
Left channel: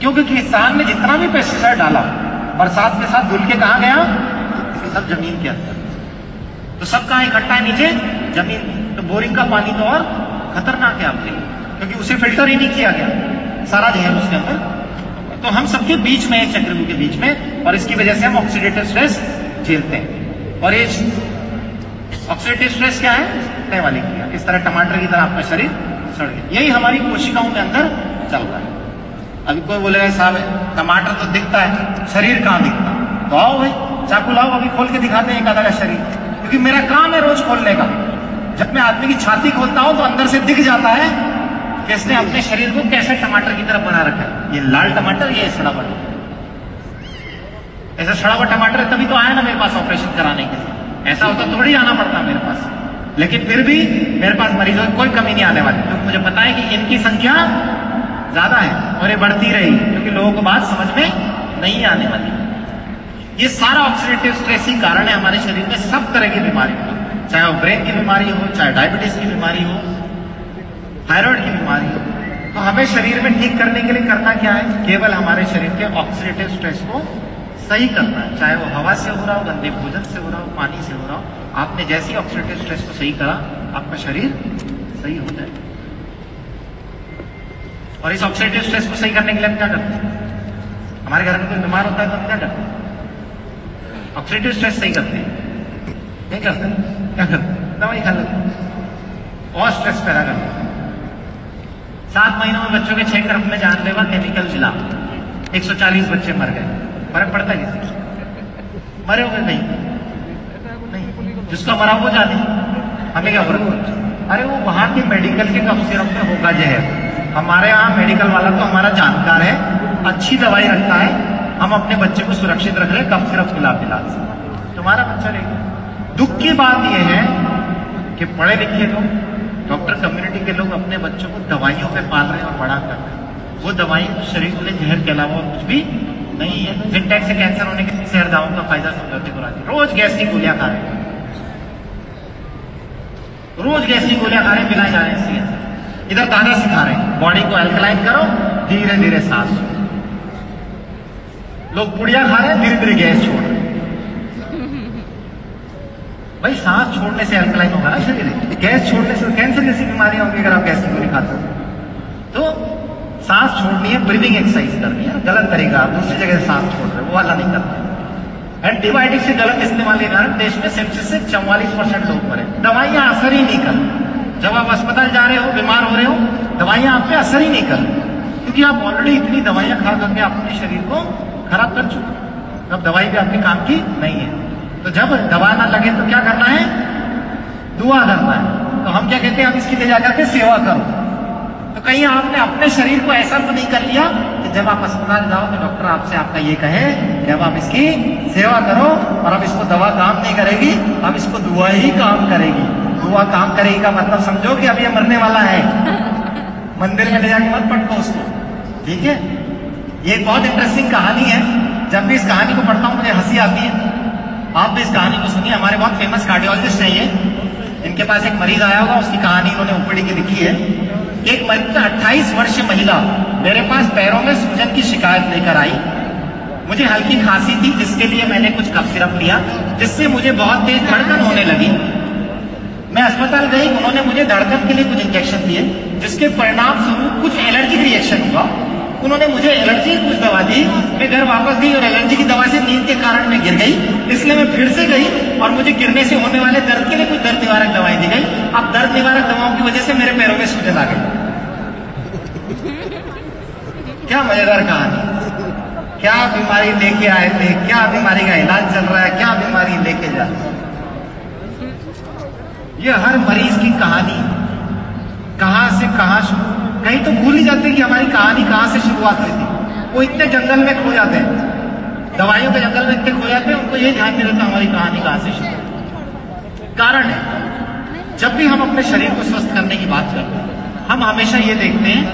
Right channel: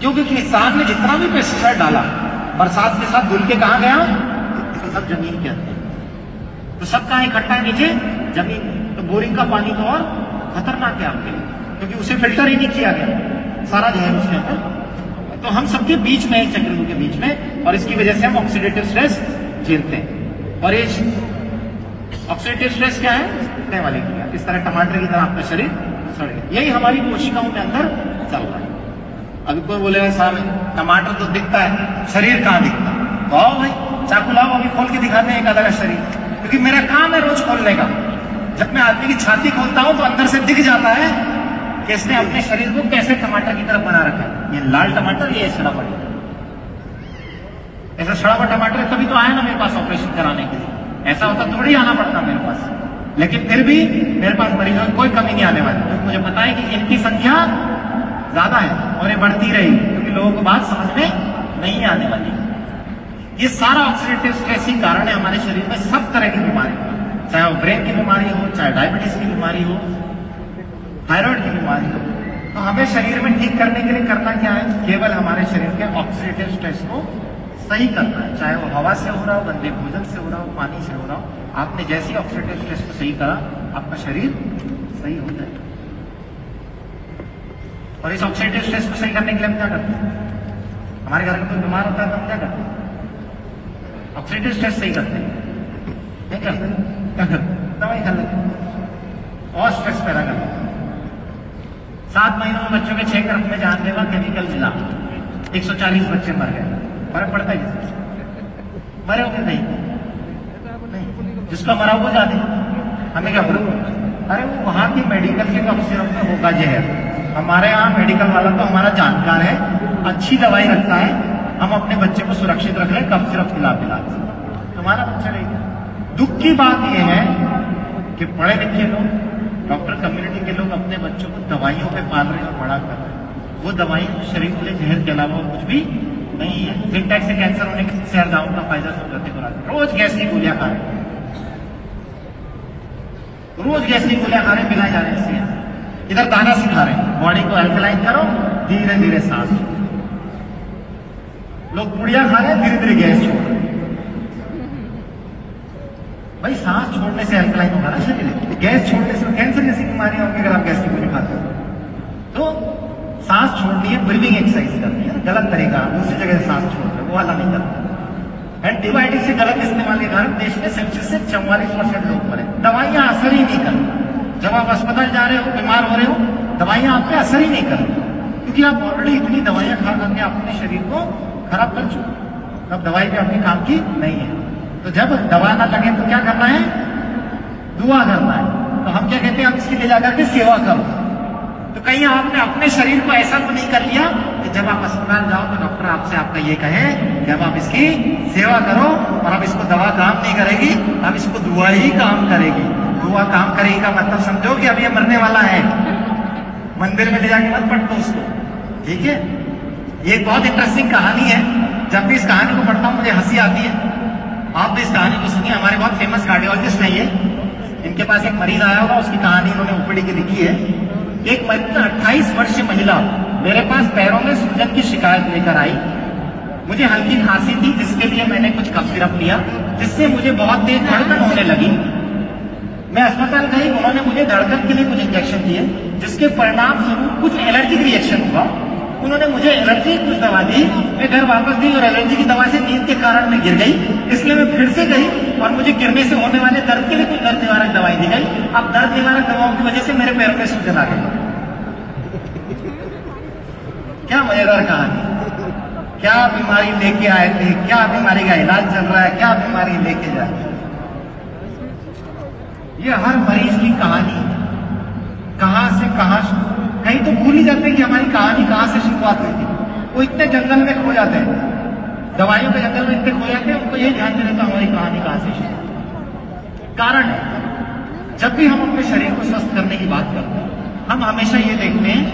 क्योंकि किसान ने जितना भी पेस्टिसाइड डाला बरसात के साथ धुल के कहाँ गया? तो सब जमीन के अंदर, तो सब कहाँ इकट्ठा है? नीचे जमीन। तो बोरिंग का पानी तो और खतरनाक है आपके लिए, क्योंकि उसे फिल्टर ही नहीं किया गया, सारा जहर उसके अंदर। तो हम सबके बीच में, चक्रव्यूह के बीच में, और इसकी वजह से हम ऑक्सीडेटिव स्ट्रेस झेलते हैं। और ये ऑक्सीडेटिव स्ट्रेस क्या है? सड़ने वाली क्रिया। इस तरह टमाटर की तरह आपका शरीर सड़ गया। यही हमारी कोशिकाओं के अंदर चल रहा है। अभी कोई बोलेगा साहब टमाटर तो दिखता है, शरीर कहाँ दिखता है? तो आओ भाई, चाकू लाओ, अभी खोल के दिखाते हैं एक आधा का शरीर, क्योंकि मेरा काम है रोज खोलने का। जब मैं आदमी की छाती खोलता हूं तो अंदर से दिख जाता है कि इसने अपने शरीर को कैसे टमाटर की तरफ बना रखा है। ये लाल टमाटर, ये सड़ा हुआ टमाटर। ऐसा सड़ा हुआ टमाटर है तभी तो आया ना मेरे पास ऑपरेशन कराने के लिए। ऐसा होता थोड़ी आना पड़ता मेरे पास, लेकिन फिर भी मेरे पास मरीजों की कोई कमी नहीं आने वाली, क्योंकि मुझे पता है कि इनकी संख्या ज्यादा है और ये बढ़ती रहेगी, क्योंकि लोगों को बात समझ में नहीं आने वाली। ये सारा ऑक्सीडेटिव स्ट्रेस ही कारण है हमारे शरीर में सब तरह की बीमारी, चाहे वो ब्रेन की बीमारी हो, चाहे डायबिटीज की बीमारी हो, थायराइड की बीमारी हो। तो हमें शरीर में ठीक करने के लिए करना क्या है? केवल हमारे शरीर के ऑक्सीडेटिव स्ट्रेस को सही करना है, चाहे वो हवा से हो रहा हो, गंदे भोजन से हो रहा हो, पानी से हो रहा हो। आपने जैसी ऑक्सीडेटिव स्ट्रेस को सही करा, आपका शरीर सही हो जाए। और इस ऑक्सीडेटिव स्ट्रेस को सही करने के लिए हम क्या करते हैं? हमारे घर में कोई बीमार होता है तो हम क्या करते हैं? ऑक्सीडेटिव स्ट्रेस सही करते हैं, नहीं करते? क्या करते? दवाई खा लेते और स्ट्रेस पैदा करते। 7 महीनों में बच्चों के 6 गर्भ में जानलेवा केमिकल मिला, 140 बच्चे मर गए। फर्क पड़ता है किसी? मरे हुए नहीं, जिसका मरा वो जाने, हमें क्या फर्क? अरे वो वहां के मेडिकल के कफ सिरप में होगा जहर। हमारे यहाँ मेडिकल वाला तो हमारा जानकार है, अच्छी दवाई रखता है, हम अपने बच्चे को सुरक्षित रख रहे हैं कफ सिरप पिला पिला। तुम्हारा बच्चा नहीं। दुख की बात यह है कि पढ़े लिखे लोग, डॉक्टर कम्युनिटी के लोग अपने बच्चों को दवाइयों में पाल रहे हैं और बड़ा कर रहे हैं। वो दवाई शरीर के लिए जहर के अलावा कुछ भी नहीं है। जिनटेक से कैंसर होने के शहर दावों का फायदा समझौते को लाते, रोज गैस की गोलियां खा रहे हैं, रोज गैस की गोलियां खा रहे हैं, मिला जा रहे हैं। इधर ताना सिखा रहे हैं, बॉडी को अल्कलाइन करो, धीरे धीरे सांस। लोग पुड़िया खा रहे हैं, धीरे धीरे गैस छोड़ रहे हैं। भाई सांस छोड़ने से अल्कलाइन होगा ना शरीर, गैस छोड़ने से कैंसर जैसी बीमारियां होंगी अगर आप गैस की गोली खाते हो। तो सांस छोड़नी है, ब्रीदिंग एक्सरसाइज करनी है, गलत तरीका, दूसरी जगह सांस छोड़ रहे, वो वाला नहीं करते। एंटीबायोटिक से गलत इस्तेमाल के कारण देश में सेप्सिस से 44% लोग मरे। दवाइयां असर ही नहीं कर, जब आप अस्पताल जा रहे हो, बीमार हो रहे हो, दवाइयां आप पे असर ही नहीं कर, क्योंकि आप ऑलरेडी इतनी दवाइयां खा करके अपने शरीर को खराब कर चुके। तब दवाई भी आपके काम की नहीं है। तो जब दवा ना लगे तो क्या करना है? दुआ करना है। तो हम क्या कहते हैं? हम इसकी ले जाकर के सेवा करो। तो कहीं आपने अपने शरीर को ऐसा तो नहीं कर लिया कि जब आप अस्पताल जाओ तो डॉक्टर आपसे आपका ये कहे कि अब आप इसकी सेवा करो और अब इसको दवा काम नहीं करेगी, अब इसको दुआ ही काम करेगी। दुआ काम करेगी का मतलब समझो कि अब ये मरने वाला है, मंदिर में ले जाके मत पटको उसको, ठीक है? ये एक बहुत इंटरेस्टिंग कहानी है। जब भी इस कहानी को पढ़ता हूं मुझे हंसी आती है। आप भी इस कहानी को सुनिए। हमारे बहुत फेमस कार्डियोलॉजिस्ट है ये, इनके पास एक मरीज आया होगा, उसकी कहानी उन्होंने ओपीडी की लिखी है। एक मरीज 28 वर्षीय महिला मेरे पास पैरों में सूजन की शिकायत लेकर आई। मुझे हल्की खांसी थी, जिसके लिए मैंने कुछ कफ सिरप लिया, जिससे मुझे बहुत तेज धड़कन होने लगी। मैं अस्पताल गई, उन्होंने मुझे धड़कन के लिए कुछ इंजेक्शन दिए, जिसके परिणाम स्वरूप कुछ एलर्जिक रिएक्शन हुआ। उन्होंने मुझे एलर्जी की कुछ दवा दी, मैं घर वापस गई और एलर्जी की दवा से नींद के कारण मैं गिर गई, इसलिए मैं फिर से गई और मुझे गिरने से होने वाले दर्द के लिए कुछ दर्द निवारक दवाई दी गई। अब दर्द निवारक दवाओं की वजह से मेरे पैरों में सूजन आ गई। क्या मजेदार कहानी! क्या बीमारी लेके आए थे, क्या बीमारी का इलाज चल रहा है, क्या बीमारी लेके जा रहे। ये हर मरीज की कहानी कहां से कहां शुरू, कहीं तो भूल ही जाते हैं कि हमारी कहानी कहां से शुरुआत हुई थी। वो इतने जंगल में खो जाते हैं, दवाइयों के जंगल में इतने खो जाते हैं, उनको ये ध्यान नहीं रहता हमारी कहानी कहां से शुरू। कारण है, जब भी हम अपने शरीर को स्वस्थ करने की बात करते हैं, हम हमेशा ये देखते हैं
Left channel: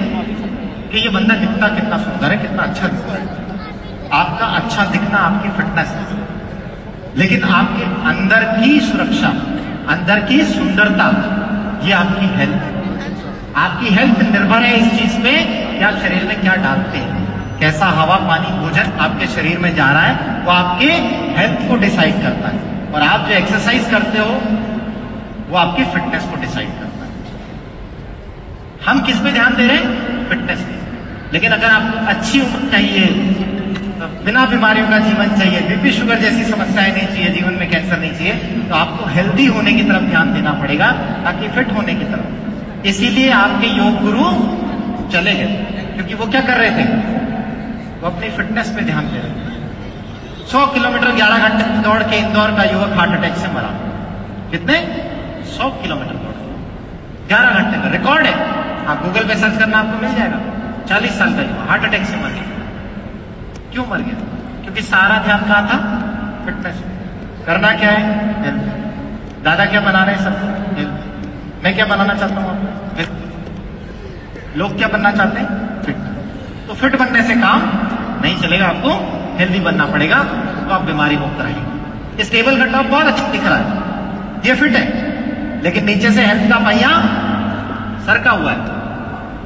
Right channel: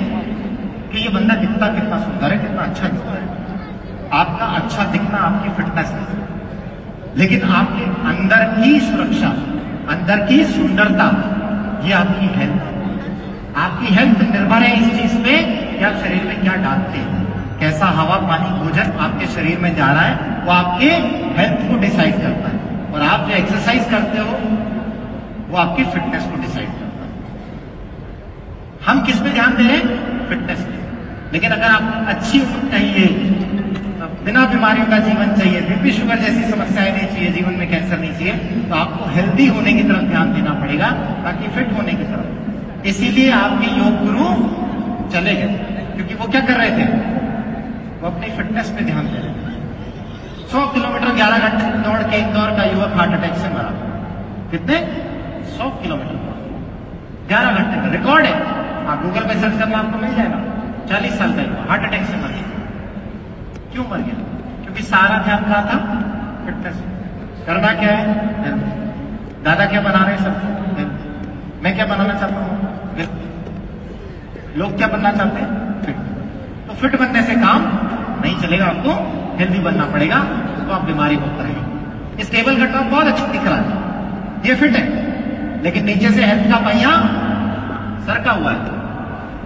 कि ये बंदा दिखता कितना सुंदर है, कितना अच्छा दिखता है। आपका अच्छा दिखना आपकी फिटनेस है, लेकिन आपके अंदर की सुरक्षा, अंदर की सुंदरता, ये आपकी हेल्थ। आपकी हेल्थ निर्भर है इस चीज पे कि आप शरीर में क्या डालते हैं, कैसा हवा पानी भोजन आपके शरीर में जा रहा है, वो आपके हेल्थ को डिसाइड करता है। और आप जो एक्सरसाइज करते हो वो आपकी फिटनेस को डिसाइड करता है। हम किस पे ध्यान दे रहे हैं? फिटनेस पे। लेकिन अगर आपको अच्छी उम्र चाहिए, बिना बीमारियों का जीवन चाहिए, बीपी शुगर जैसी समस्याएं नहीं चाहिए, जीवन में कैंसर नहीं चाहिए, तो आपको हेल्दी होने की तरफ ध्यान देना पड़ेगा, ताकि फिट होने की तरफ। इसीलिए आपके योग गुरु चले गए, क्योंकि वो क्या कर रहे थे? वो अपनी फिटनेस पे ध्यान दे रहे थे। 100 किलोमीटर 11 घंटे दौड़ के इंदौर का युवक हार्ट अटैक से मरा। कितने? 100 किलोमीटर 11 घंटे का रिकॉर्ड है। आप गूगल पे सर्च करना आपको मिल जाएगा। 40 साल का हार्ट अटैक से मर गया। क्यों मर गया? क्योंकि सारा ध्यान कहाँ था? फिटनेस। करना क्या है? दादा क्या बना रहे हैं सब? मैं क्या बनाना चाहता हूँ? लोग क्या बनना चाहते हैं? फिट। तो फिट बनने से काम नहीं चलेगा, आपको हेल्दी बनना पड़ेगा, तो आप बीमारी मुक्त रहेंगे। इस टेबल का टॉप बहुत अच्छा दिख रहा है, ये फिट है, लेकिन नीचे से हेल्थ का पहिया सरका हुआ है।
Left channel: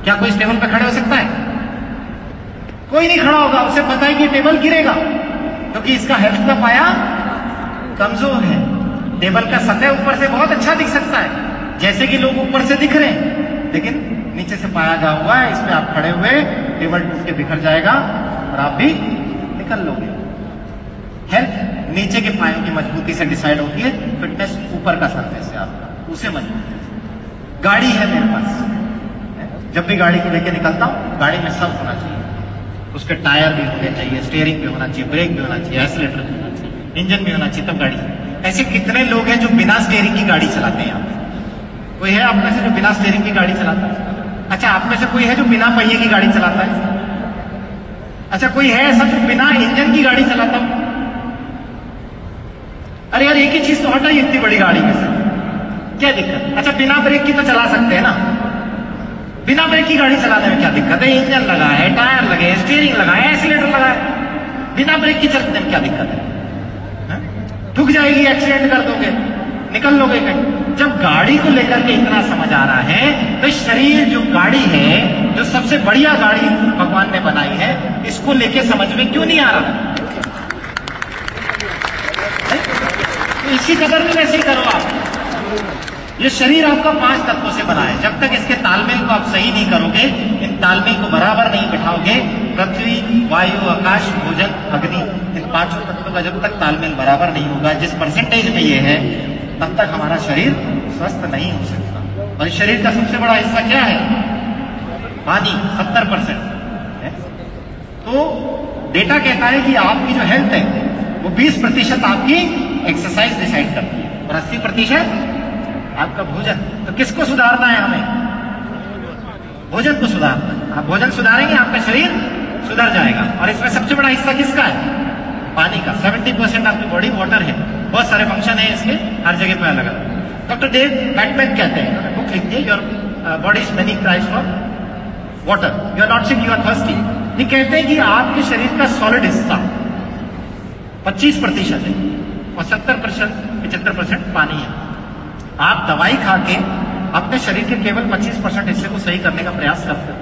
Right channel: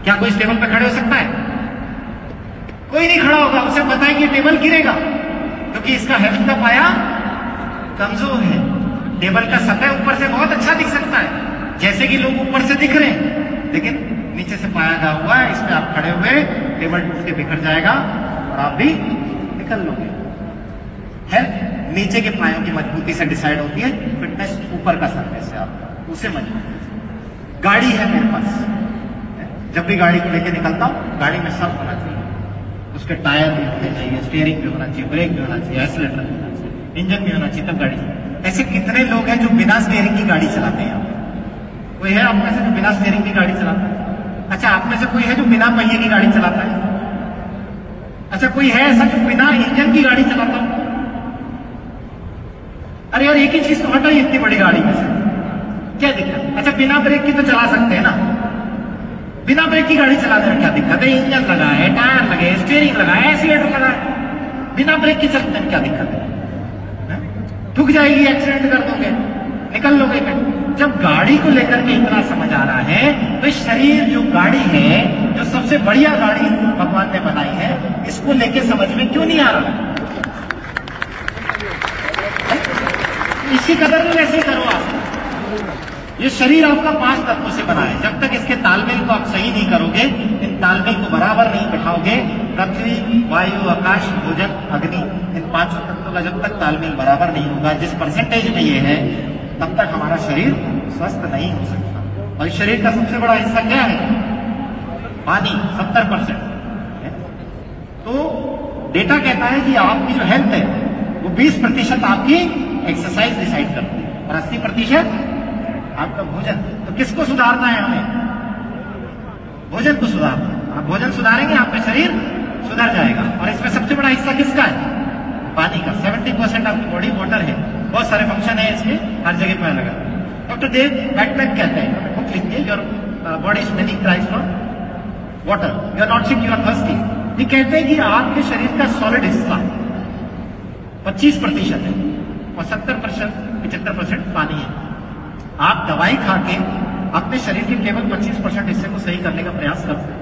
क्या कोई इस टेबल पर खड़े हो सकता है? कोई नहीं खड़ा होगा। उसे पता है कि टेबल गिरेगा, क्योंकि इसका हेल्थ का पाया कमजोर है। टेबल का सतह ऊपर से बहुत अच्छा दिख सकता है, जैसे कि लोग ऊपर से दिख रहे हैं, लेकिन नीचे से पाया गया हुआ है। इस पे आप खड़े हुए टेबल टूट के बिखर जाएगा और आप भी निकल लोगे। हेल्थ नीचे के पायों की मजबूती से डिसाइड होती है, फिटनेस ऊपर का सरफेस है, आप उसे मजबूत। गाड़ी है मेरे पास, जब भी गाड़ी को लेकर निकलता हूं, गाड़ी में सब होना चाहिए। उसके टायर भी होने चाहिए, स्टीयरिंग भी होना चाहिए, ब्रेक भी होना चाहिए, एक्सीलरेटर भी होना चाहिए, इंजन भी होना चाहिए, तब गाड़ी। ऐसे कितने लोग हैं जो बिना स्टीयरिंग की गाड़ी चलाते हैं? कोई है आप में से जो बिना स्टीयरिंग की गाड़ी चलाता है? अच्छा, आप में से कोई है जो बिना पहिए की गाड़ी चलाता है? अच्छा, कोई है ऐसा जो बिना इंजन की गाड़ी चलाता है? अरे यार, एक ही चीज तो हटाई इतनी बड़ी गाड़ी में से, क्या दिक्कत? अच्छा, बिना ब्रेक की तो चला सकते हैं ना? बिना ब्रेक की गाड़ी चलाने में क्या दिक्कत है? इंजन लगा है, टायर लगे, स्टीयरिंग लगा है, एक्सीलरेटर लगा है, बिना ब्रेक की चलने में क्या दिक्कत है? ठुक जाएगी, एक्सीडेंट कर दोगे, निकल लोगे कहीं। जब गाड़ी को लेकर के इतना समझ आ रहा है, तो शरीर जो गाड़ी है, जो सबसे बढ़िया गाड़ी भगवान ने बनाई है, इसको लेके समझ में क्यों नहीं आ रहा? तो इसी कदर में वैसे ही करो आप। ये शरीर आपका 5 तत्वों से बना है। जब तक इसके तालमेल को आप सही नहीं करोगे, इन तालमेल को बराबर नहीं बिठाओगे, पृथ्वी, वायु, आकाश, भोजन, अग्नि, इन 5 तत्वों का जब तक तालमेल बराबर नहीं होगा, जिस परसेंटेज में ये है, तब तक हमारा शरीर स्वस्थ नहीं हो सकता। और शरीर का सबसे बड़ा हिस्सा क्या है? पानी, 70%। तो डेटा कहता है कि आपकी जो हेल्थ है वो 20% आपकी एक्सरसाइज डिसाइड करती है और 80% आपका भोजन। तो किसको सुधारना है हमें? भोजन को सुधारना। आप भोजन सुधारेंगे, आपका शरीर सुधर जाएगा। और इसमें सबसे बड़ा हिस्सा किसका है? पानी का। 70% आपकी बॉडी वाटर है। बहुत सारे फंक्शन है इसके, हर जगह पे अलग अलग। डॉक्टर डेव बैटमैन कहते हैं, बुक लिखिए, your body is many cries for water, you are not sick, you are thirsty. ये कहते हैं कि आपके शरीर का सॉलिड हिस्सा 25% है और 75% पानी है। आप दवाई खा के अपने शरीर के केवल 25% हिस्से को सही करने का प्रयास करते हैं,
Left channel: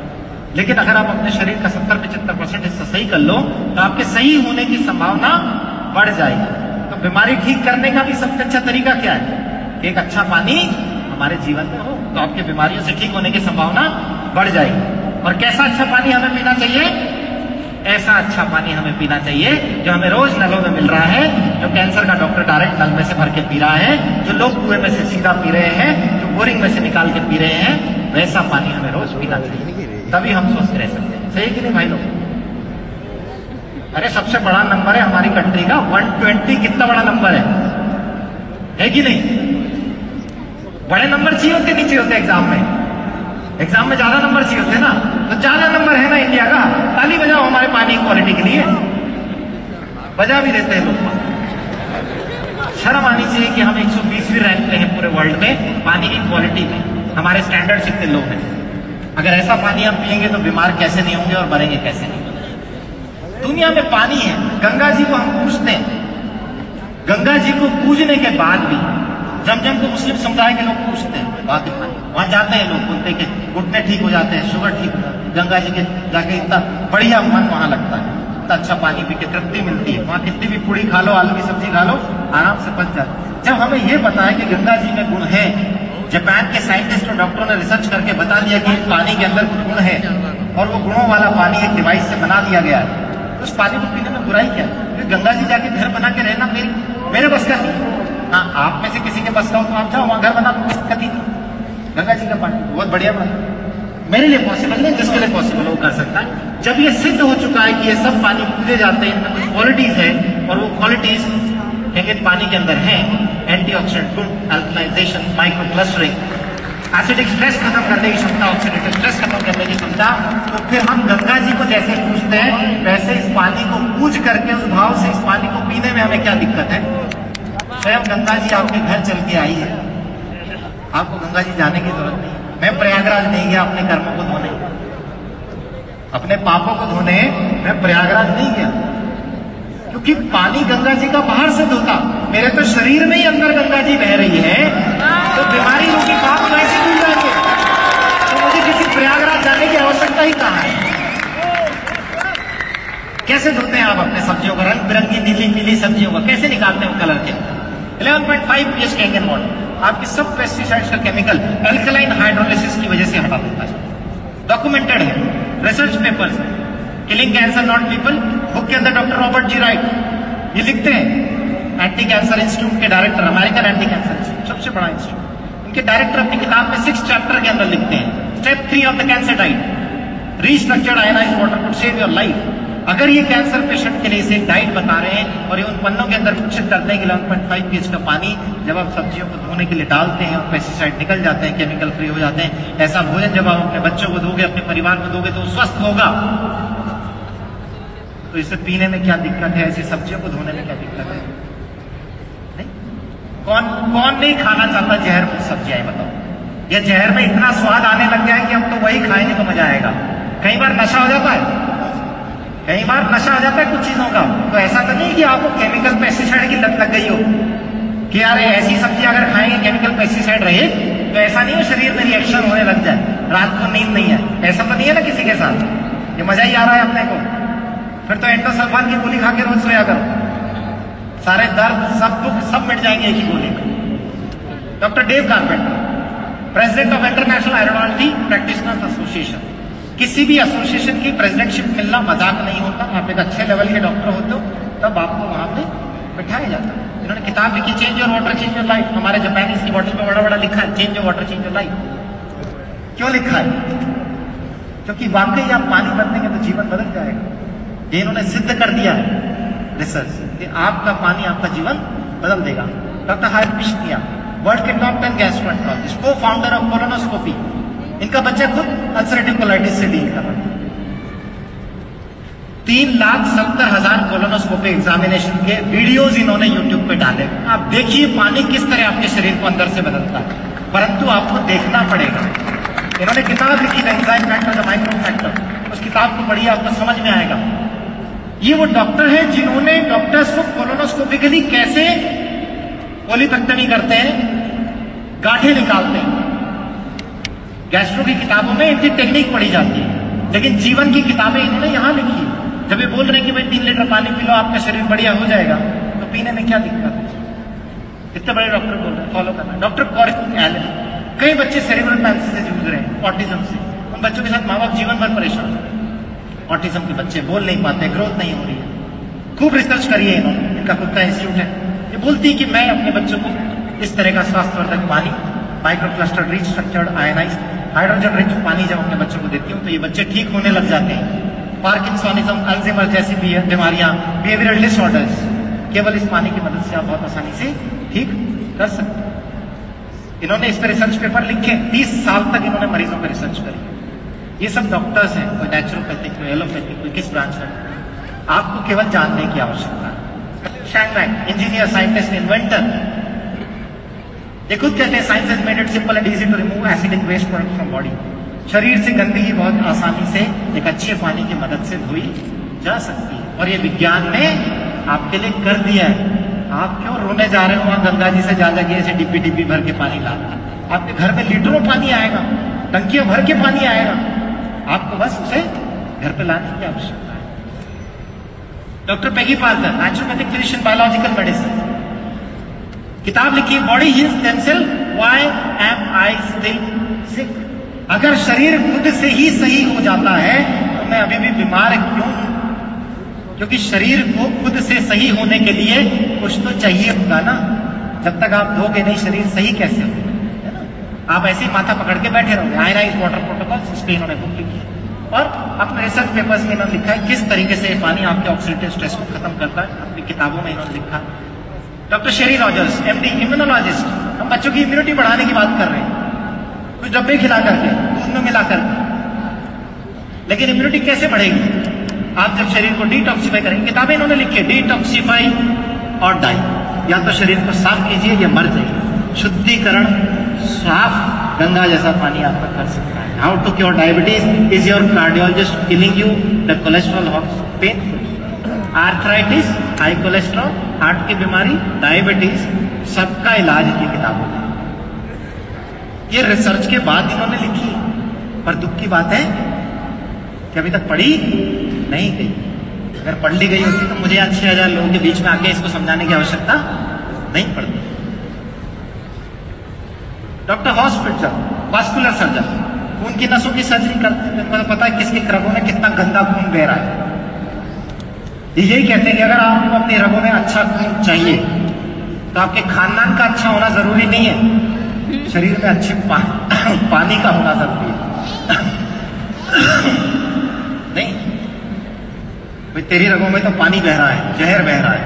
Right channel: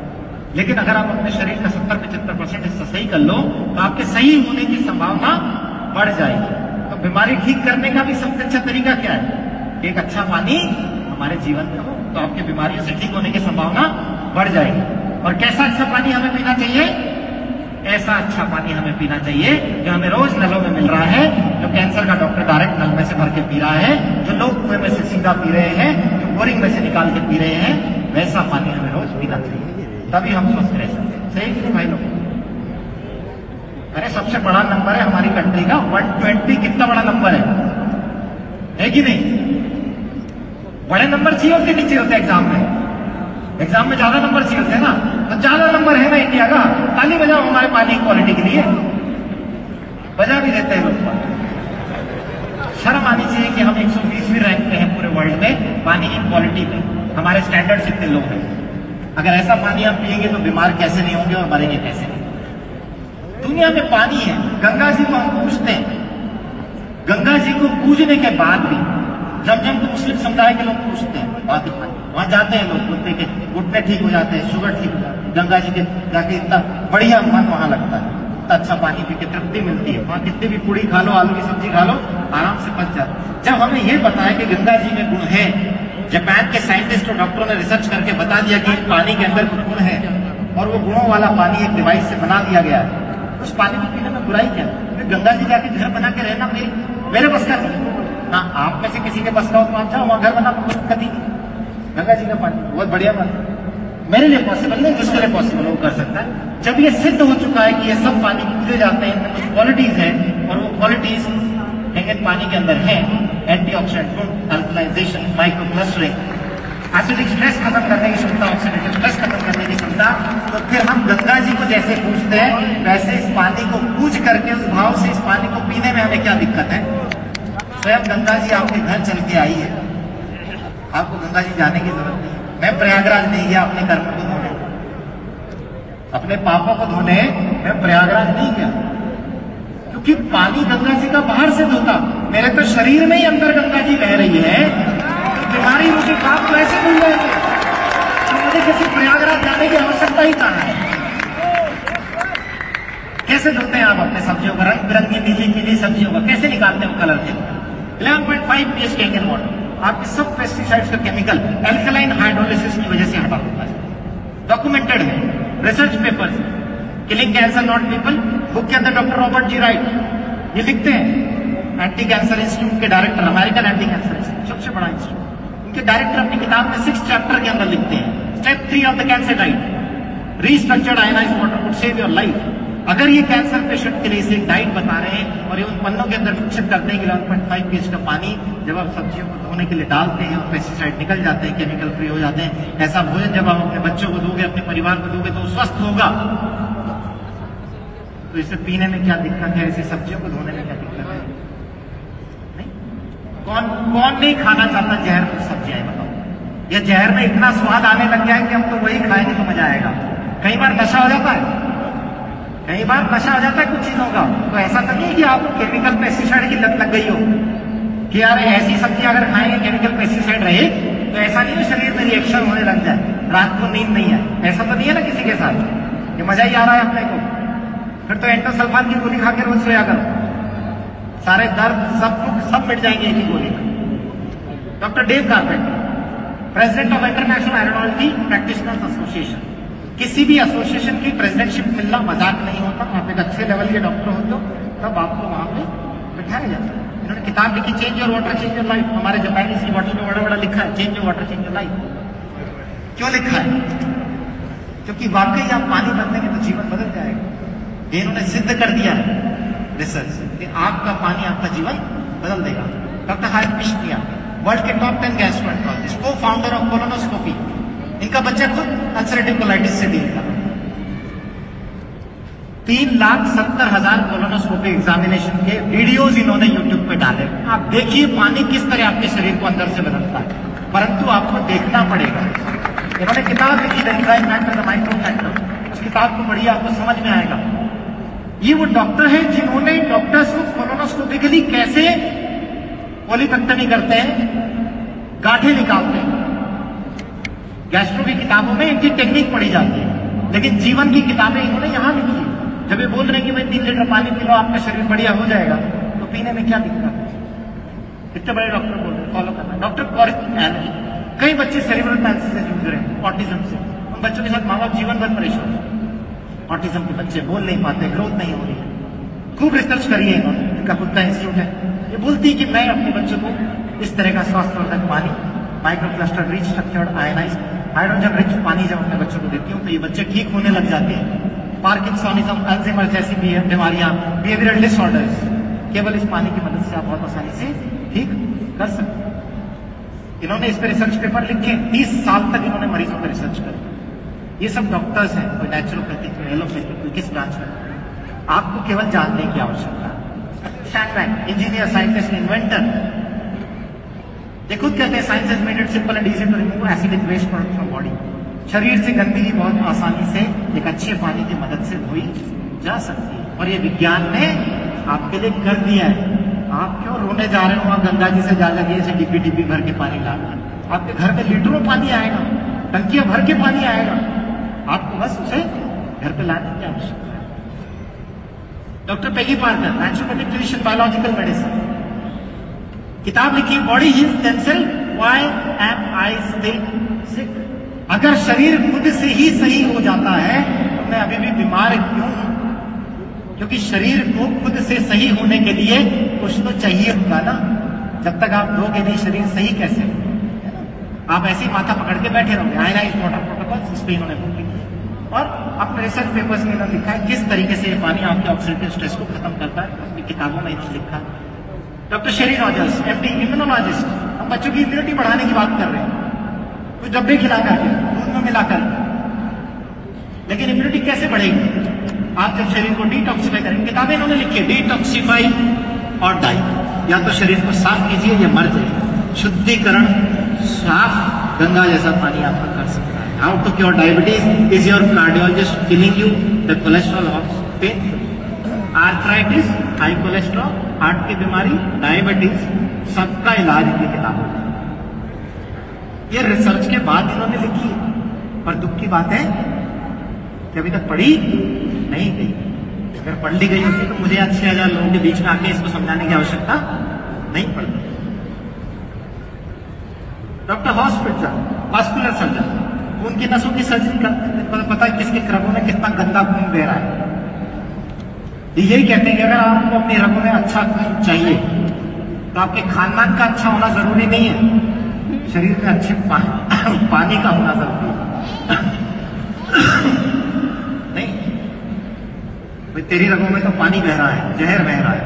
लेकिन अगर आप अपने शरीर का 70-75% हिस्सा सही कर लो, तो आपके सही होने की संभावना बढ़ जाएगी। तो बीमारी ठीक करने का भी सबसे अच्छा तरीका क्या है? कि एक अच्छा पानी हमारे जीवन में हो, तो आपके बीमारियों से ठीक होने की संभावना बढ़ जाएगी। और कैसा अच्छा पानी हमें पीना चाहिए? ऐसा अच्छा पानी हमें पीना चाहिए जो हमें रोज नलों में मिल रहा है, जो कैंसर का डॉक्टर डायरेक्ट नल में से भर के पी रहा है, जो लोग कुएं में से सीधा पी रहे हैं, जो बोरिंग में से निकाल के पी रहे हैं, वैसा पानी हमें रोज पीना चाहिए, तभी हम स्वस्थ रह सकते हैं। सही कि नहीं भाई लोग? अरे सबसे बड़ा नंबर है हमारी कंट्री का 120। कितना बड़ा नंबर है कि नहीं? बड़े नंबर चाहिए होते, नीचे होते एग्जाम में। एग्जाम में ज्यादा नंबर चाहिए होते ना, तो ज्यादा नंबर है ना इंडिया का। ताली बजाओ हमारे पानी क्वालिटी के लिए। बजा भी देते हैं लोग। शर्म आनी चाहिए कि हम 120वीं रैंक पे हैं पूरे वर्ल्ड में पानी की क्वालिटी में। हमारे स्टैंडर्ड्स इतने लोग हैं। अगर ऐसा पानी हम पिएंगे तो बीमार कैसे नहीं होंगे और मरेंगे कैसे नहीं? दुनिया में पानी है। गंगा जी को हम पूछते हैं, गंगा जी को पूजने के बाद भी जमजम को मुस्लिम समुदाय के लोग पूछते हैं, वहां जाते हैं लोग, बोलते हैं कि घुटने ठीक हो जाते हैं, शुगर ठीक हो जाती है। गंगा जी के जाके इतना बढ़िया मन वहां लगता है, इतना अच्छा पानी पी के तृप्ति मिलती है। वहां कितनी भी पूड़ी खा लो, आलू की सब्जी खा लो, आराम से पच जाता है। जब हमें ये पता है कि गंगा जी में गुण है, जापान के साइंटिस्ट और डॉक्टरों ने रिसर्च करके बता दिया कि पानी के अंदर गुण है और वो गुणों वाला पानी एक डिवाइस से बना दिया गया है, उस पानी को पीने में बुराई क्या है? गंगा जी जाके घर बना के रहना मेरे बस का। हाँ, आप में से किसी के बस का हो तो आप जाओ वहां घर बना कभी। गंगा जी का पानी बहुत बढ़िया पानी मेरे लिए पॉसिबल नहीं, जिसके लिए पॉसिबल हो कर सकता है। जब ये सिद्ध हो चुका है कि ये सब पानी पूजे जाते हैं, इनमें कुछ क्वालिटीज है और वो क्वालिटीज पानी के अंदर है, antioxidant, good alkalization, micro clustering, acidic stress खत्म करने की क्षमता, ऑक्सीडेटिव स्ट्रेस खत्म करने की क्षमता, तो फिर हम गंगा जी को जैसे पूजते हैं वैसे इस पानी को पूज करके उस भाव से इस पानी को पीने में हमें क्या दिक्कत है? स्वयं गंगा जी आपके घर चल के आई है, आपको गंगा जी जाने की जरूरत नहीं। मैं प्रयागराज नहीं गया अपने कर्मों को धोने, अपने पापों को धोने मैं प्रयागराज नहीं गया, क्योंकि पानी गंगा जी का बाहर से धोता, मेरे तो शरीर में ही अंदर गंगा जी बह रही है, तो बीमारी रोगी पाप कैसे धुल जाएंगे? तो मुझे किसी प्रयागराज जाने की आवश्यकता ही कहाँ है? कैसे धोते हैं आप अपने सब्जियों का, रंग बिरंगी नीली नीली सब्जियों का कैसे निकालते हैं कलर के? 11.5 pH के इंडियन वाटर आपके सब पेस्टिसाइड्स का केमिकल एल्कलाइन हाइड्रोलिसिस की वजह से हटा देता है। डॉक्यूमेंटेड है, रिसर्च पेपर्स है। Killing cancer not people book के अंदर डॉक्टर रॉबर्ट जी राइट ये लिखते हैं, एंटी कैंसर इंस्टीट्यूट के डायरेक्टर, अमेरिकन एंटी कैंसर सबसे बड़ा इंस्टीट्यूट, उनके डायरेक्टर अपनी किताब में 6 चैप्टर के अंदर लिखते हैं, step 3 of the cancer diet, restructured ionised water could save your life. अगर ये कैंसर पेशेंट के लिए इसे डाइट बता रहे हैं और ये उन पन्नों के अंदर सूचित करते हैं कि 11.5 pH का पानी जब आप सब्जियों को धोने के लिए डालते हैं, पेस्टिसाइड निकल जाते हैं, केमिकल फ्री हो जाते हैं, ऐसा भोजन जब आप अपने बच्चों को दोगे, अपने परिवार को दोगे तो स्वस्थ होगा। तो इसे पीने में क्या दिक्कत है? ऐसी सब्जियों को धोने में क्या दिक्कत है? नहीं? कौन नहीं खाना चाहता जहर कुछ सब्जियां, बताओ? या जहर में इतना स्वाद आने लग जाए कि हम तो वही खाने को मजा आएगा। कई बार नशा हो जाता है, कई बार नशा हो जाता है कुछ चीजों का। तो ऐसा तो नहीं कि आपको केमिकल पेस्टिसाइड की लत लग गई हो कि यार ऐसी सब्जी अगर खाएंगे केमिकल पेस्टिसाइड रहे तो ऐसा नहीं है शरीर में रिएक्शन होने लग जाए, रात को नींद नहीं है, ऐसा तो नहीं है ना किसी के साथ? ये मजा ही आ रहा है अपने को। फिर तो एंडोसल्फान की गोली खा के रोज सोया करो, सारे दर्द सब दुख सब मिट जाएंगे एक ही गोली। Doctor Dave Carpenter, president of international Ayurvedic practitioners association, किसी भी एसोसिएशन की प्रेसिडेंटशिप मिलना मजाक नहीं होता। आप एक अच्छे लेवल के डॉक्टर होते हो तब आपको वहां पे बिठाया जाता है। इन्होंने किताब लिखी change your water change your life, हमारे जापानीज की बॉटल में बड़ा बड़ा लिखा है change your water change your life. क्यों लिखा है? क्योंकि वाकई आप पानी बदलेंगे तो जीवन बदल जाएगा। ये इन्होंने सिद्ध कर दिया है रिसर्च कि आपका पानी आपका जीवन बदल देगा। डॉक्टर हर कृष्णिया, वर्ल्ड के टॉप 10 गैस्ट्रोएंटरोलॉजिस्ट, को फाउंडर ऑफ कोलोनोस्कोपी, इनका बच्चा खुद अल्सरेटिव कोलाइटिस से डील कर रहा है। 3,70,000 कोलोनोस्कोपी एग्जामिनेशन के वीडियोज इन्होंने यूट्यूब पे डाले। आप देखिए पानी किस तरह आपके शरीर को अंदर से बदलता है, परंतु आपको देखना पड़ेगा। इन्होंने किताब लिखी the enzyme factor, the micro factor, उस किताब को पढ़िए आपको समझ में आएगा। ये वो डॉक्टर हैं जिन्होंने डॉक्टर्स को कोलोनोस्कोपिकली कैसे कोलिपेक्टमी करते हैं, गांठें निकालते हैं। गैस्ट्रो की किताबों में इनकी टेक्निक पढ़ी जाती है, लेकिन जीवन की किताबें इन्होंने यहां लिखी है। जब ये बोल रहे हैं कि भाई 3 लीटर पानी पी लो आपका शरीर बढ़िया हो जाएगा, तो पीने में क्या दिक्कत है? इतने बड़े डॉक्टर बोल रहे फॉलो करना। डॉक्टर कॉरिक एलन, कई बच्चे सेरेब्रल पैल्सी से जूझ रहे हैं, ऑटिज्म से। उन बच्चों के साथ माँ बाप जीवन भर परेशान है। ऑटिज्म के बच्चे बोल नहीं पाते, ग्रोथ नहीं हो रही है। खूब रिसर्च करिए इन्होंने, इनका खुद का इंस्टीट्यूट है। ये बोलती है कि मैं अपने बच्चों को इस तरह का स्वास्थ्यवर्धक पानी, micro cluster restructured ionised hydrogen rich पानी जब अपने बच्चों को देती हूँ तो ये बच्चे ठीक होने लग जाते हैं। पार्किंसोनिज्म, अल्जाइमर जैसी भी बीमारियां, बिहेवियरल डिसऑर्डर्स केवल इस पानी की मदद से आप बहुत आसानी से ठीक कर सकते हैं। इन्होंने इस पर रिसर्च पेपर लिखे, 30 साल तक इन्होंने मरीजों पर रिसर्च करी। ये सब डॉक्टर्स हैं, कोई नेचुरोपैथिक, कोई एलोपैथिक, कोई किस ब्रांच में। आपको केवल जानने की आवश्यकता। शैंगलैंग, इंजीनियर, साइंटिस्ट, इन्वेंटर, ये खुद कहते हैं science is made it simple and easy to remove acidic waste product from body. शरीर से गंदगी बहुत आसानी से एक अच्छे पानी की मदद से धोई जा सकती है, और ये विज्ञान ने आपके लिए कर दिया है। आप क्यों रोने जा रहे हो वहां गंगा जी से जा जाके ऐसे डिब्बी डिब्बी भर के पानी लाना? आपके घर में लीटरों पानी आएगा, टंकियों भर के पानी आएगा, आपको बस उसे घर पे लाने की आवश्यकता है। Doctor Peggy Parker, naturopathic physician, biological medicine, किताब लिखी body heals themselves, why am I still sick. अगर शरीर खुद से ही सही हो जाता है तो मैं अभी भी बीमार क्यों हूं? क्योंकि शरीर को खुद से सही होने के लिए कुछ तो चाहिए होगा ना। जब तक आप धोगे नहीं शरीर सही कैसे होगा, है ना? आप ऐसे ही माथा पकड़ के बैठे रहोगे। आयनाइज्ड वाटर प्रोटोकॉल, स्पेन ने और अपने रिसर्च पेपर्स में इन्होंने लिखा है किस तरीके से ये पानी आपके ऑक्सीडेटिव स्ट्रेस को खत्म करता है, अपनी किताबों में इन्होंने लिखा। डॉक्टर शेरी रॉजर्स, MD इम्यूनोलॉजिस्ट, हम बच्चों की इम्यूनिटी बढ़ाने की बात कर रहे हैं, कुछ डब्बे खिला करके, दूध में मिला करके, लेकिन इम्यूनिटी कैसे बढ़ेगी? आप जब शरीर को डिटॉक्सिफाई करेंगे, किताबें इन्होंने लिखी है, डिटॉक्सिफाई और डाई, या तो शरीर को साफ कीजिए या मर जाइए। शुद्धिकरण, साफ गंगा जैसा पानी आपका कर सकता है। How to cure diabetes, is your cardiologist killing you the cholesterol और pain, arthritis, high cholesterol, heart की बीमारी, डायबिटीज, सबका इलाज की किताबों में। ये रिसर्च के बाद इन्होंने लिखी है, पर दुख की बात है कि अभी तक पढ़ी नहीं गई। अगर पढ़ ली गई होती तो मुझे 6,000 लोगों के बीच में आके इसको समझाने की आवश्यकता नहीं पड़ती। डॉक्टर हॉस्पिटल, वास्कुलर सर्जन, खून की नसों की सर्जरी करते हैं, मतलब पता है किसके रगों में कितना गंदा खून बह रहा है। यही कहते हैं कि अगर आपको अपने रगों में अच्छा खून चाहिए तो आपके खानदान का अच्छा होना जरूरी नहीं है, शरीर में अच्छे पानी का होना जरूरी है। नहीं भाई, तेरी रगों में तो पानी बह रहा है, जहर बह रहा है,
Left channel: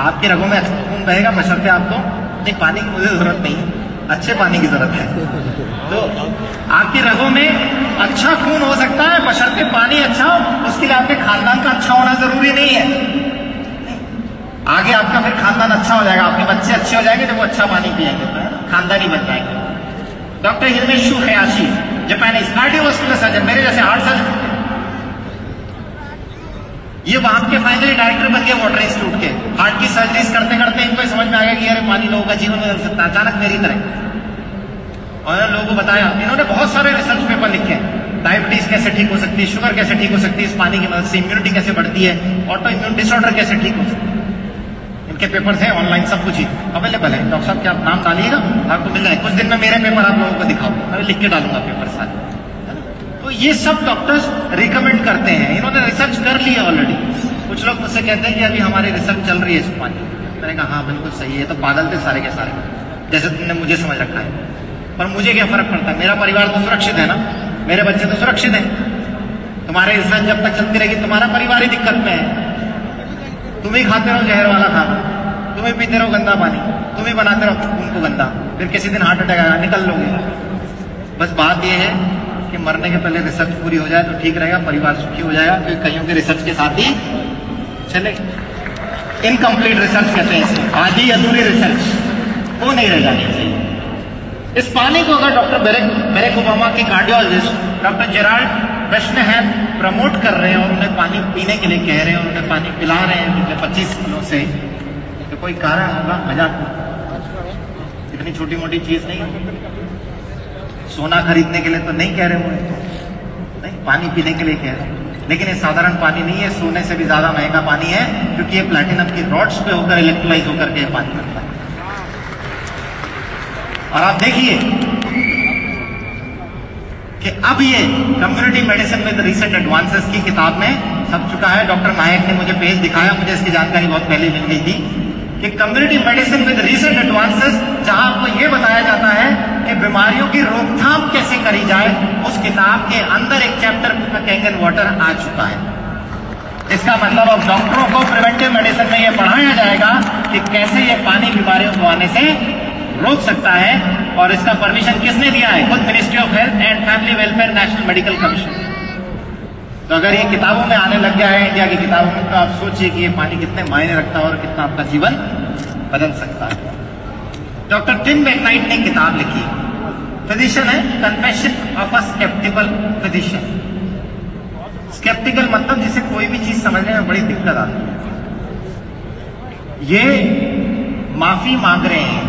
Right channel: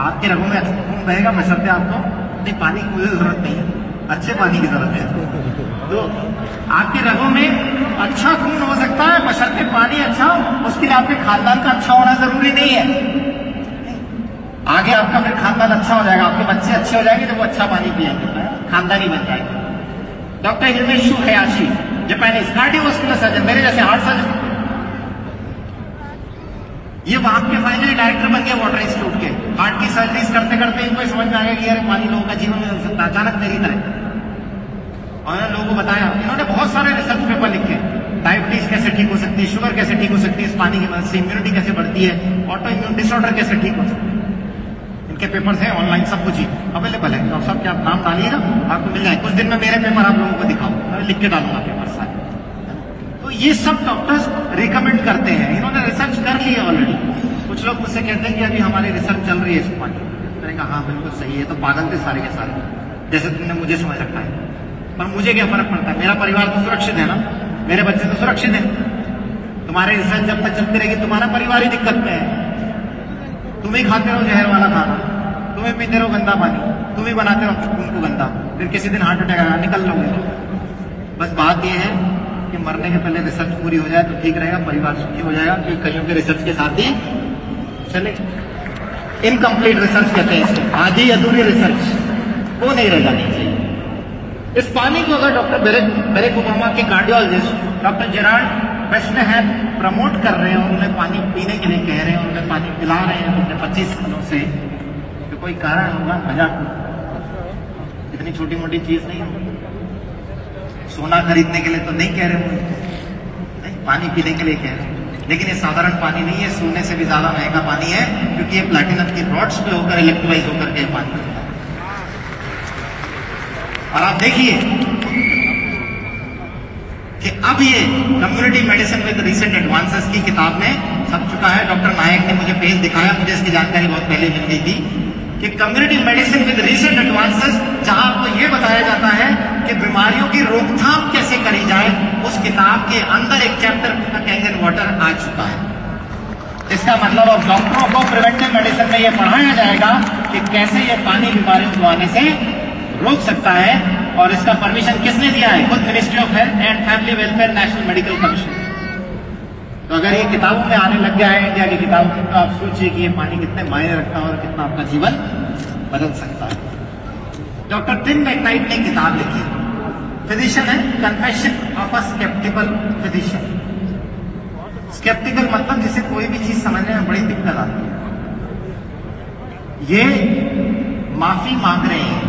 आपके रगों में अच्छा खून बहेगा, बशर्ते आपको नहीं, पानी की मुझे जरूरत नहीं है, अच्छे पानी की जरूरत है। तो आपके रगों में अच्छा खून हो सकता है, बशर्ते पानी अच्छा हो, उसके लिए आपके खानदान का अच्छा होना जरूरी नहीं है। आगे आपका फिर खानदान अच्छा हो जाएगा, आपके बच्चे अच्छे हो जाएंगे जब वो अच्छा पानी पिएंगे, खानदान ही बन जाएगा। डॉक्टर हिमेशु हयाशी, जापानीज, कार्डियोवास्कुलर सर्जन, मेरे जैसे हार्ट सर्जन, ये वहां के फाइनली डायरेक्टर बन गए वाटर इंस्टीट्यूट के। हार्ट की सर्जरीज करते करते इनको समझ में आ गया कि यार पानी लोगों का जीवन बदल सकता है, अचानक मेरी तरह। और लोगों को बताया, इन्होंने बहुत सारे रिसर्च पेपर लिखे, डायबिटीज कैसे ठीक हो सकती है, शुगर कैसे ठीक हो सकती है इस पानी की मदद से, इम्यूनिटी कैसे बढ़ती है, ऑटो इम्यून डिसऑर्डर कैसे ठीक हो सकती है। इनके पेपर्स हैं ऑनलाइन, सब कुछ ही अवेलेबल है। डॉक्टर साहब क्या आप नाम डालिएगा, आपको मिल जाए। कुछ दिन में मेरे पेपर आप लोगों को दिखाऊंगा, मैं लिख के डालूंगा पेपर सारे। तो ये सब डॉक्टर्स रिकमेंड करते हैं, इन्होंने रिसर्च कर ली है ऑलरेडी। कुछ लोग मुझसे कहते हैं कि अभी हमारी रिसर्च चल रही है इस पानी। मैंने कहा हाँ बिल्कुल सही है, तो पागल थे सारे के सारे, जैसे तुमने मुझे समझ रखा है। पर मुझे क्या फर्क पड़ता है, मेरा परिवार तो सुरक्षित है ना, मेरे बच्चे तो सुरक्षित हैं। तुम्हारे रिसर्च जब तक चलती रहेगी तुम्हारा परिवार ही दिक्कत में है। तुम ही खाते रहो जहर वाला खाना, तुम ही पीते रहो गंदा पानी, तुम ही बनाते रहो उनको गंदा, फिर किसी दिन हार्ट अटैक आएगा, निकल लोगे। बस बात यह है कि मरने के पहले रिसर्च पूरी हो जाए तो ठीक रहेगा, परिवार सुखी हो जाएगा, कि कईयों के रिसर्च के साथ ही चले। इनकम्प्लीट रिसर्च कहते हैं इसमें, आधी अधूरी रिसर्च, वो नहीं रह जानी चाहिए। इस पानी को अगर डॉक्टर बैरक ओबामा के कार्डियोलॉजिस्ट डॉक्टर जेराल्ड डशनहैम प्रमोट कर रहे हैं और उन्हें पानी पीने के लिए कह रहे हैं, उन्हें पानी पिला रहे हैं पिछले 25 सालों से, तो कोई कारण होगा, मजाक, इतनी छोटी मोटी चीज नहीं है। सोना खरीदने के लिए तो नहीं कह रहे होंगे, नहीं, पानी पीने के लिए कह रहे हैं। लेकिन ये साधारण पानी नहीं है, सोने से भी ज्यादा महंगा पानी है, क्योंकि ये प्लैटिनम की रॉड्स पे होकर इलेक्ट्रोलाइज होकर के पानी बनता है। और आप देखिए कि अब ये community medicine with recent advances की किताब में छप चुका है। डॉक्टर नायक ने मुझे पेज दिखाया, मुझे इसकी जानकारी बहुत पहले मिल गई थी कि community medicine with recent advances, जहां आपको यह बताया जाता है कि बीमारियों की रोकथाम कैसे करी जाए, उस किताब के अंदर एक चैप्टर कैंगन वाटर आ चुका है। इसका मतलब अब डॉक्टरों को प्रिवेंटिव मेडिसिन में यह पढ़ाया जाएगा कि कैसे ये पानी बीमारियों को आने से रोक सकता है। और इसका परमिशन किसने दिया है? खुद ministry of health and family welfare national medical commission. तो अगर ये किताबों में आने लग गया है इंडिया की किताबों में, तो आप सोचिए कि ये पानी कितने मायने रखता है और कितना आपका जीवन बदल सकता है। डॉक्टर टिम मैकनाइट ने किताब लिखी, फिजिशियन है, confession of a sceptical physician. Sceptical मतलब जिसे कोई भी चीज समझने में बड़ी दिक्कत आती है। ये माफी मांग रहे हैं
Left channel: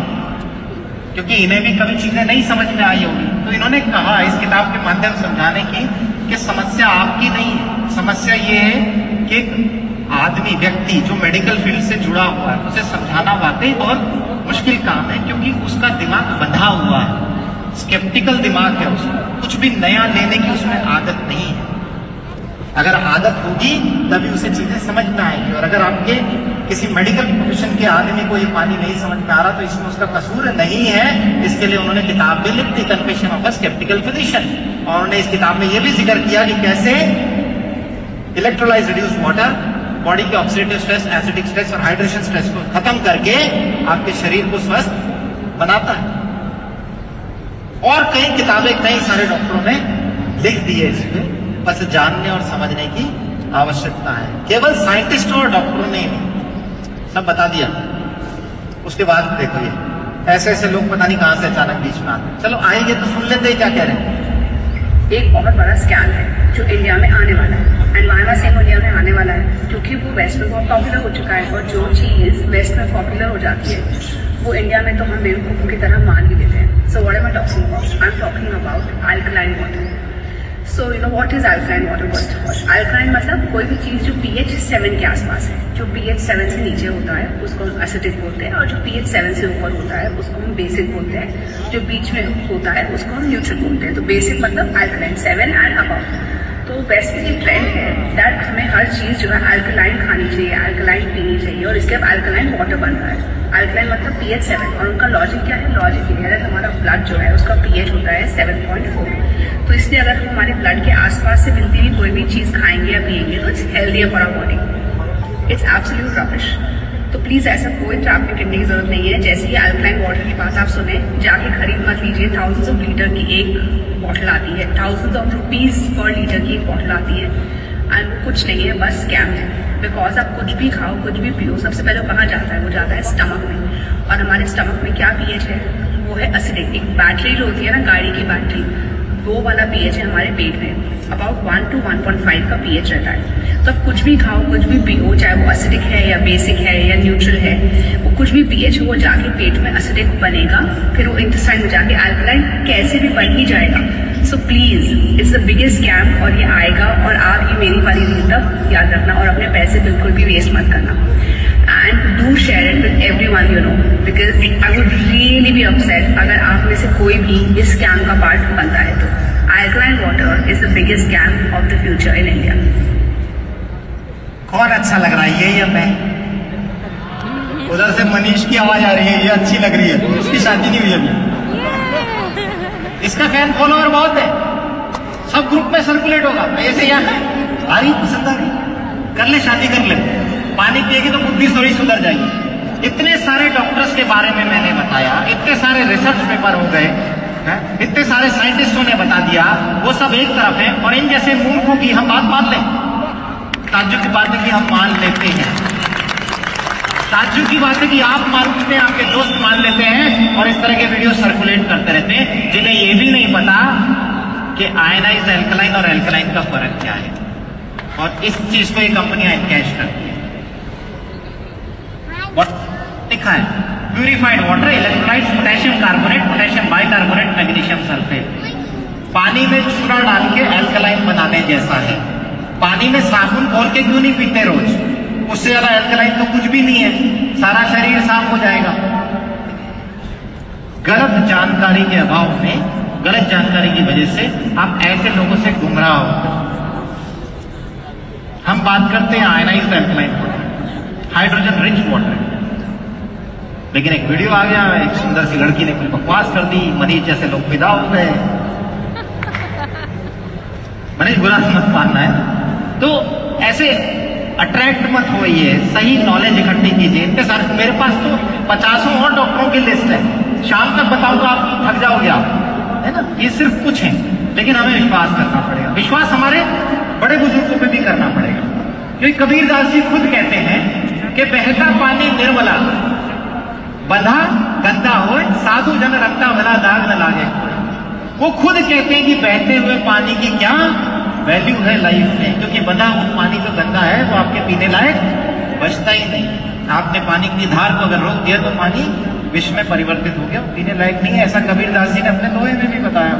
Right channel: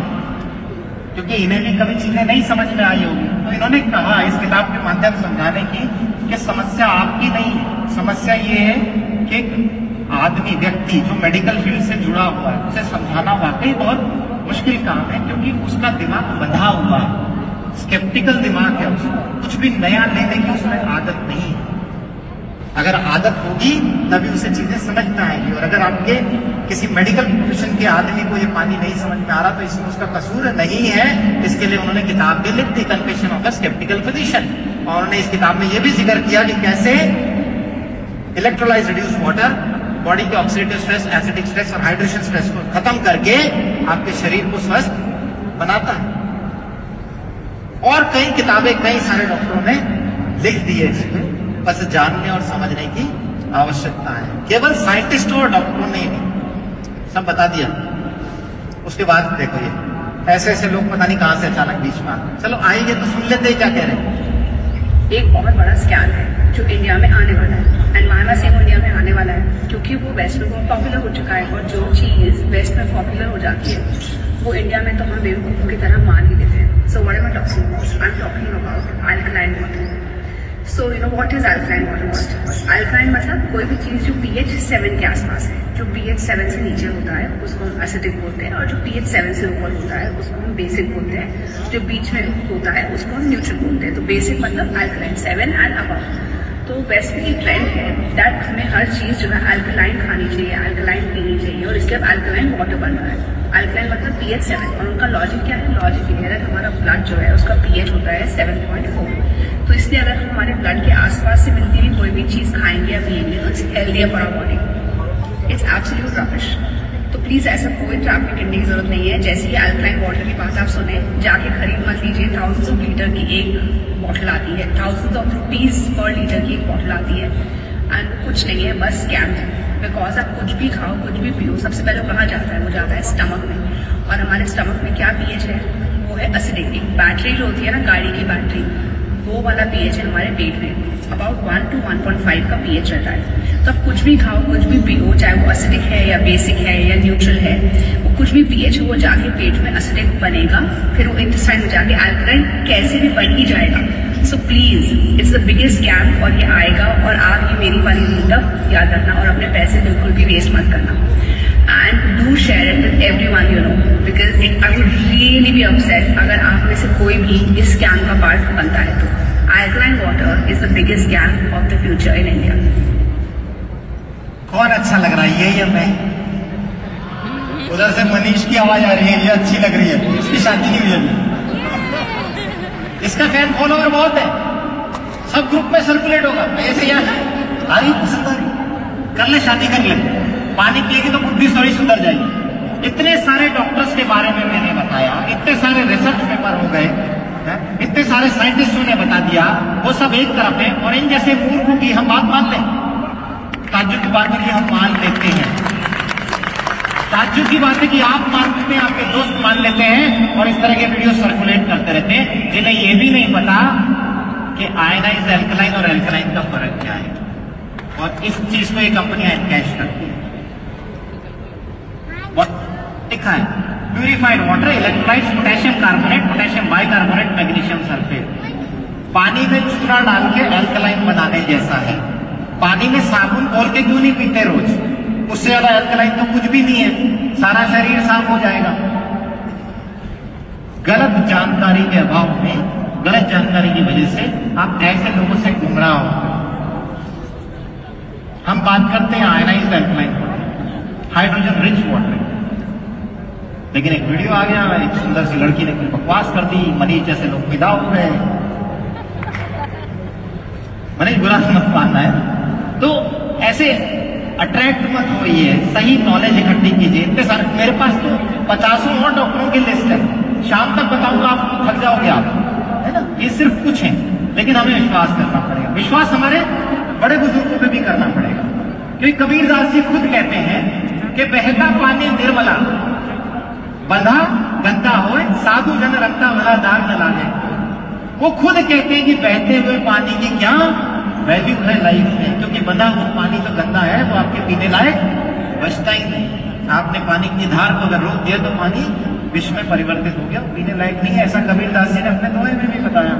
क्योंकि इन्हें भी कभी चीजें नहीं समझ में आई होगी, तो इन्होंने कहा इस किताब के माध्यम से समझाने की कि समस्या आपकी नहीं है, समस्या ये है कि आदमी, व्यक्ति जो मेडिकल फील्ड से जुड़ा हुआ है, उसे समझाना वाकई बहुत मुश्किल काम है, क्योंकि उसका दिमाग बंधा हुआ है, स्केप्टिकल दिमाग है, उसको कुछ भी नया लेने की उसमें आदत नहीं है। अगर आदत होगी तभी उसे चीजें समझ में आएंगी। और अगर आपके किसी मेडिकल प्रोफेशन के आदमी को ये पानी नहीं समझ में आ रहा, तो इसमें उसका कसूर नहीं है। इसके लिए उन्होंने किताब भी लिख दी, confession of a sceptical physician. और उन्होंने इस किताब में ये भी जिक्र किया कि कैसे इलेक्ट्रोलाइज रिड्यूस वाटर बॉडी के ऑक्सीडेटिव स्ट्रेस, एसिडिक स्ट्रेस और हाइड्रेशन स्ट्रेस को खत्म करके आपके शरीर को स्वस्थ बनाता है। और कई किताबें कई सारे डॉक्टरों ने लिख दी है इसमें, बस जानने और समझने की आवश्यकता है। केवल साइंटिस्टों और डॉक्टरों ने नहीं सब बता दिया। उसके बाद देखो ये ऐसे ऐसे लोग पता नहीं कहां से अचानक बीच में आते। चलो आएंगे तो सुन लेते हैं क्या कह रहे हैं। एक बहुत बड़ा स्कैम है जो इंडिया में आने वाला है, एनवायरमेंट से इंडिया में आने वाला है, क्योंकि वो वेस्ट में बहुत पॉपुलर हो चुका है। और जो चीज वेस्ट में पॉपुलर हो जाती है वो इंडिया में तो हम बेवकूफों की तरह मान भी देते हैं। So what am I talking about? I am talking about alkaline water. So you know what is alkaline water? Alkaline मतलब कोई भी चीज जो pH 7 के आसपास है। जो pH 7 से नीचे होता है उसको एसिडिक बोलते हैं, और जो pH 7 से ऊपर होता है उसको हम बेसिक बोलते हैं। जो बीच में होता है उसको हम न्यूट्रल बोलते हैं। तो बेसिक मतलब अल्कलाइन 7 एंड अबव। तो बेस्ट की ट्रेंड है दैट हमें हर चीज जो है अल्कलाइन खानी चाहिए, अल्कलाइन पीनी चाहिए, और इसके बाद अल्कलाइन वाटर बन रहा है। अल्कलाइन मतलब pH 7। और उनका लॉजिक क्या है? लॉजिक ये है हमारा ब्लड जो है उसका pH होता है 7.4। तो इसलिए अगर हम हमारे ब्लड के आसपास से मिलती हुई कोई भी चीज खाएंगे या पिएंगे तो it's healthier for our body. It's absolute rubbish. तो प्लीज ऐसा कोई ट्रैवल करने की जरूरत नहीं है। जैसे ही अल्कलाइन वाटर की बात आप सुने, जाके खरीद मत लीजिए। थाउजेंड्स ऑफ लीटर की एक बॉटल आती है, thousands of rupees per litre की एक बॉटल आती है, एंड वो कुछ नहीं है, बस स्कैम है। बिकॉज आप कुछ भी खाओ, कुछ भी पियो, सबसे पहले कहाँ जाता है? वो जाता है स्टमक में। और हमारे स्टमक में क्या pH है? वो है एसिडिक। एक बैटरी जो होती है ना, गाड़ी की बैटरी, वो वाला pH है हमारे पेट में। अबाउट 1 to 1.5 का pH रहता है। तो कुछ भी खाओ, कुछ भी पियो, चाहे वो एसिडिक है या बेसिक है या न्यूट्रल है, वो कुछ भी pH वो जाके पेट में एसिडिक बनेगा, फिर वो इंटेस्टाइन में जाके अल्कलाइन कैसे भी बन ही जाएगा। So please it's the biggest scam, और ये आएगा। और आप ये मेरी बारी मतलब याद रखना, और अपने पैसे बिल्कुल भी वेस्ट मत करना। And do share it with everyone you know, because I would really be upset अगर आप में से कोई भी इस स्कैम का पार्ट बनता है। तो alkaline water is the biggest scam of the future in India. कौन अच्छा लग रहा है, ये या मैं? उधर से मनीष की आवाज आ रही है, ये अच्छी लग रही है, उसकी शादी के लिए भी। इसका फैन फॉलोअर बहुत है, सब ग्रुप में सर्कुलेट होगा। ऐसे यार भाई पसंद आ गई, कर ले शादी कर ले, पानी पिएगी तो बुद्धि थोड़ी सुधर जाएगी। इतने सारे डॉक्टर्स के बारे में मैंने बताया, इतने सारे रिसर्च पेपर हो गए, इतने सारे साइंटिस्टों ने बता दिया, वो सब एक तरफ है। और इन जैसे मूर्खों की हम बात मान लें, ताज्जुब की बात है कि हम मान लेते हैं, ताज्जुब की बात है कि आप मानते हैं, आपके दोस्त मान लेते हैं, और इस तरह के वीडियो सर्कुलेट करते रहते हैं, जिन्हें ये भी नहीं पता कि आयनाइज्ड एल्कलाइन और एल्कलाइन का फर्क क्या है। और इस चीज को ये कंपनियां कैश करती है। लिखा है purified water, electrolytes, potassium carbonate, potassium bicarbonate, magnesium sulphate. पानी में चूना डाल के अल्कलाइन बनाने जैसा है। पानी में साबुन घोल के क्यों नहीं पीते रोज? उससे ज्यादा अल्कलाइन तो कुछ भी नहीं है, सारा शरीर साफ हो जाएगा। गलत जानकारी के अभाव में, गलत जानकारी की वजह से आप ऐसे लोगों से गुमराह हो। हम बात करते हैं ionised alkaline, hydrogen rich water. लेकिन एक वीडियो आ गया, एक सुंदर सी लड़की ने कोई बकवास कर दी, मनीष जैसे लोग फिदा हो गए। मनीष बुरा मत मानना है, तो ऐसे अट्रैक्ट मत होइए, सही नॉलेज इकट्ठी कीजिए। इतने सारे मेरे पास तो 50 और डॉक्टरों की लिस्ट है, शाम तक बताऊंगा, आप थक जाओगे आप, है ना। ये सिर्फ कुछ है, लेकिन हमें विश्वास करना पड़ेगा। विश्वास हमारे बड़े बुजुर्गों पर भी करना पड़ेगा, क्योंकि कबीरदास जी खुद कहते हैं कि बहता पानी निर्मला, बंधा गंदा हो, साधु जन रखता भला दाग न लागे। वो खुद कहते हैं कि बहते हुए पानी की क्या वैल्यू है लाइफ में, क्योंकि बंधा हुआ पानी तो गंदा है, वो आपके पीने लायक बचता ही नहीं। आपने पानी की धार को अगर रोक दिया तो पानी विश्व में परिवर्तित हो गया, पीने लायक नहीं है। ऐसा कबीरदास जी ने अपने दोहे में भी बताया।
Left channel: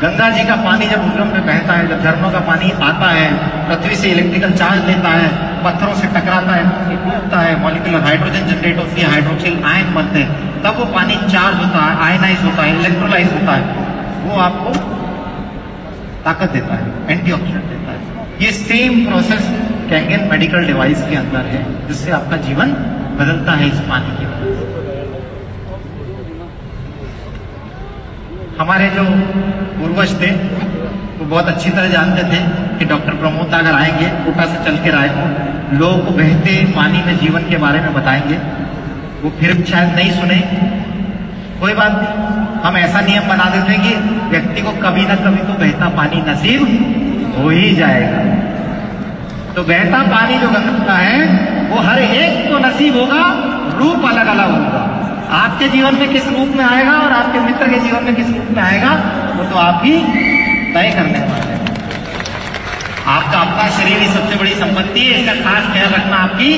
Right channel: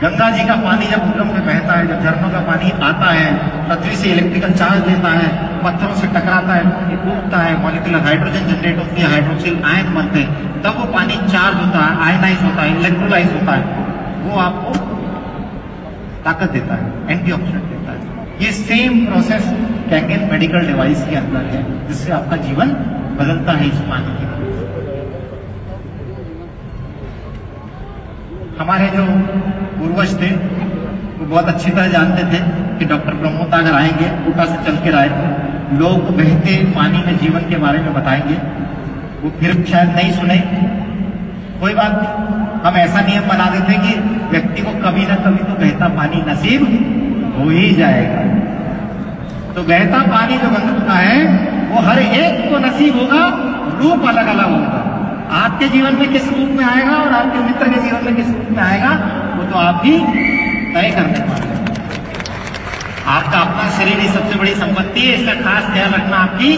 गंगा जी का पानी जब उद्गम में बहता है, जब झरनों का पानी आता है, पृथ्वी से इलेक्ट्रिकल चार्ज देता है, पत्थरों से टकराता है, टूटता है, मॉलिक्यूलर हाइड्रोजन जनरेट होती है, हाइड्रोक्सिल आयन बनते हैं, तब वो पानी चार्ज होता है, आयनाइज होता है, इलेक्ट्रोलाइज होता है, वो आपको ताकत देता है, एंटीऑक्सीडेंट देता है। ये same process Kangen medical device के अंदर है, जिससे आपका जीवन बदलता है इस पानी के। हमारे जो पूर्वज थे वो वो बहुत अच्छी तरह जानते थे कि डॉक्टर प्रमोद अगर आएंगे, कोटा से चल के आए, लोगों को बहते पानी में जीवन के बारे में बताएंगे। वो फिर शायद नहीं सुने, कोई बात नहीं, हम ऐसा नियम बना देते कि व्यक्ति को कभी ना कभी तो बहता पानी नसीब हो ही जाएगा। तो बहता पानी जो गंगा का है वो हर एक को नसीब होगा, रूप अलग अलग होगा। आपके जीवन में किस रूप में आएगा और आपके मित्र के जीवन में किस रूप में आएगा वो तो आपकी तय करना है। आपका अपना शरीर ही सबसे बड़ी संपत्ति है, इसका खास ख्याल रखना आपकी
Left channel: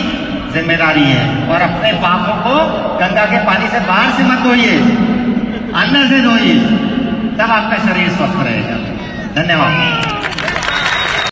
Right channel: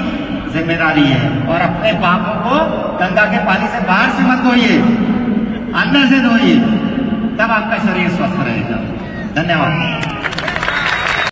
जिम्मेदारी है। और अपने पापों को गंगा के पानी से बाहर से मत धोइए, अंदर से धोइए, तब आपका शरीर स्वस्थ रहेगा। धन्यवाद।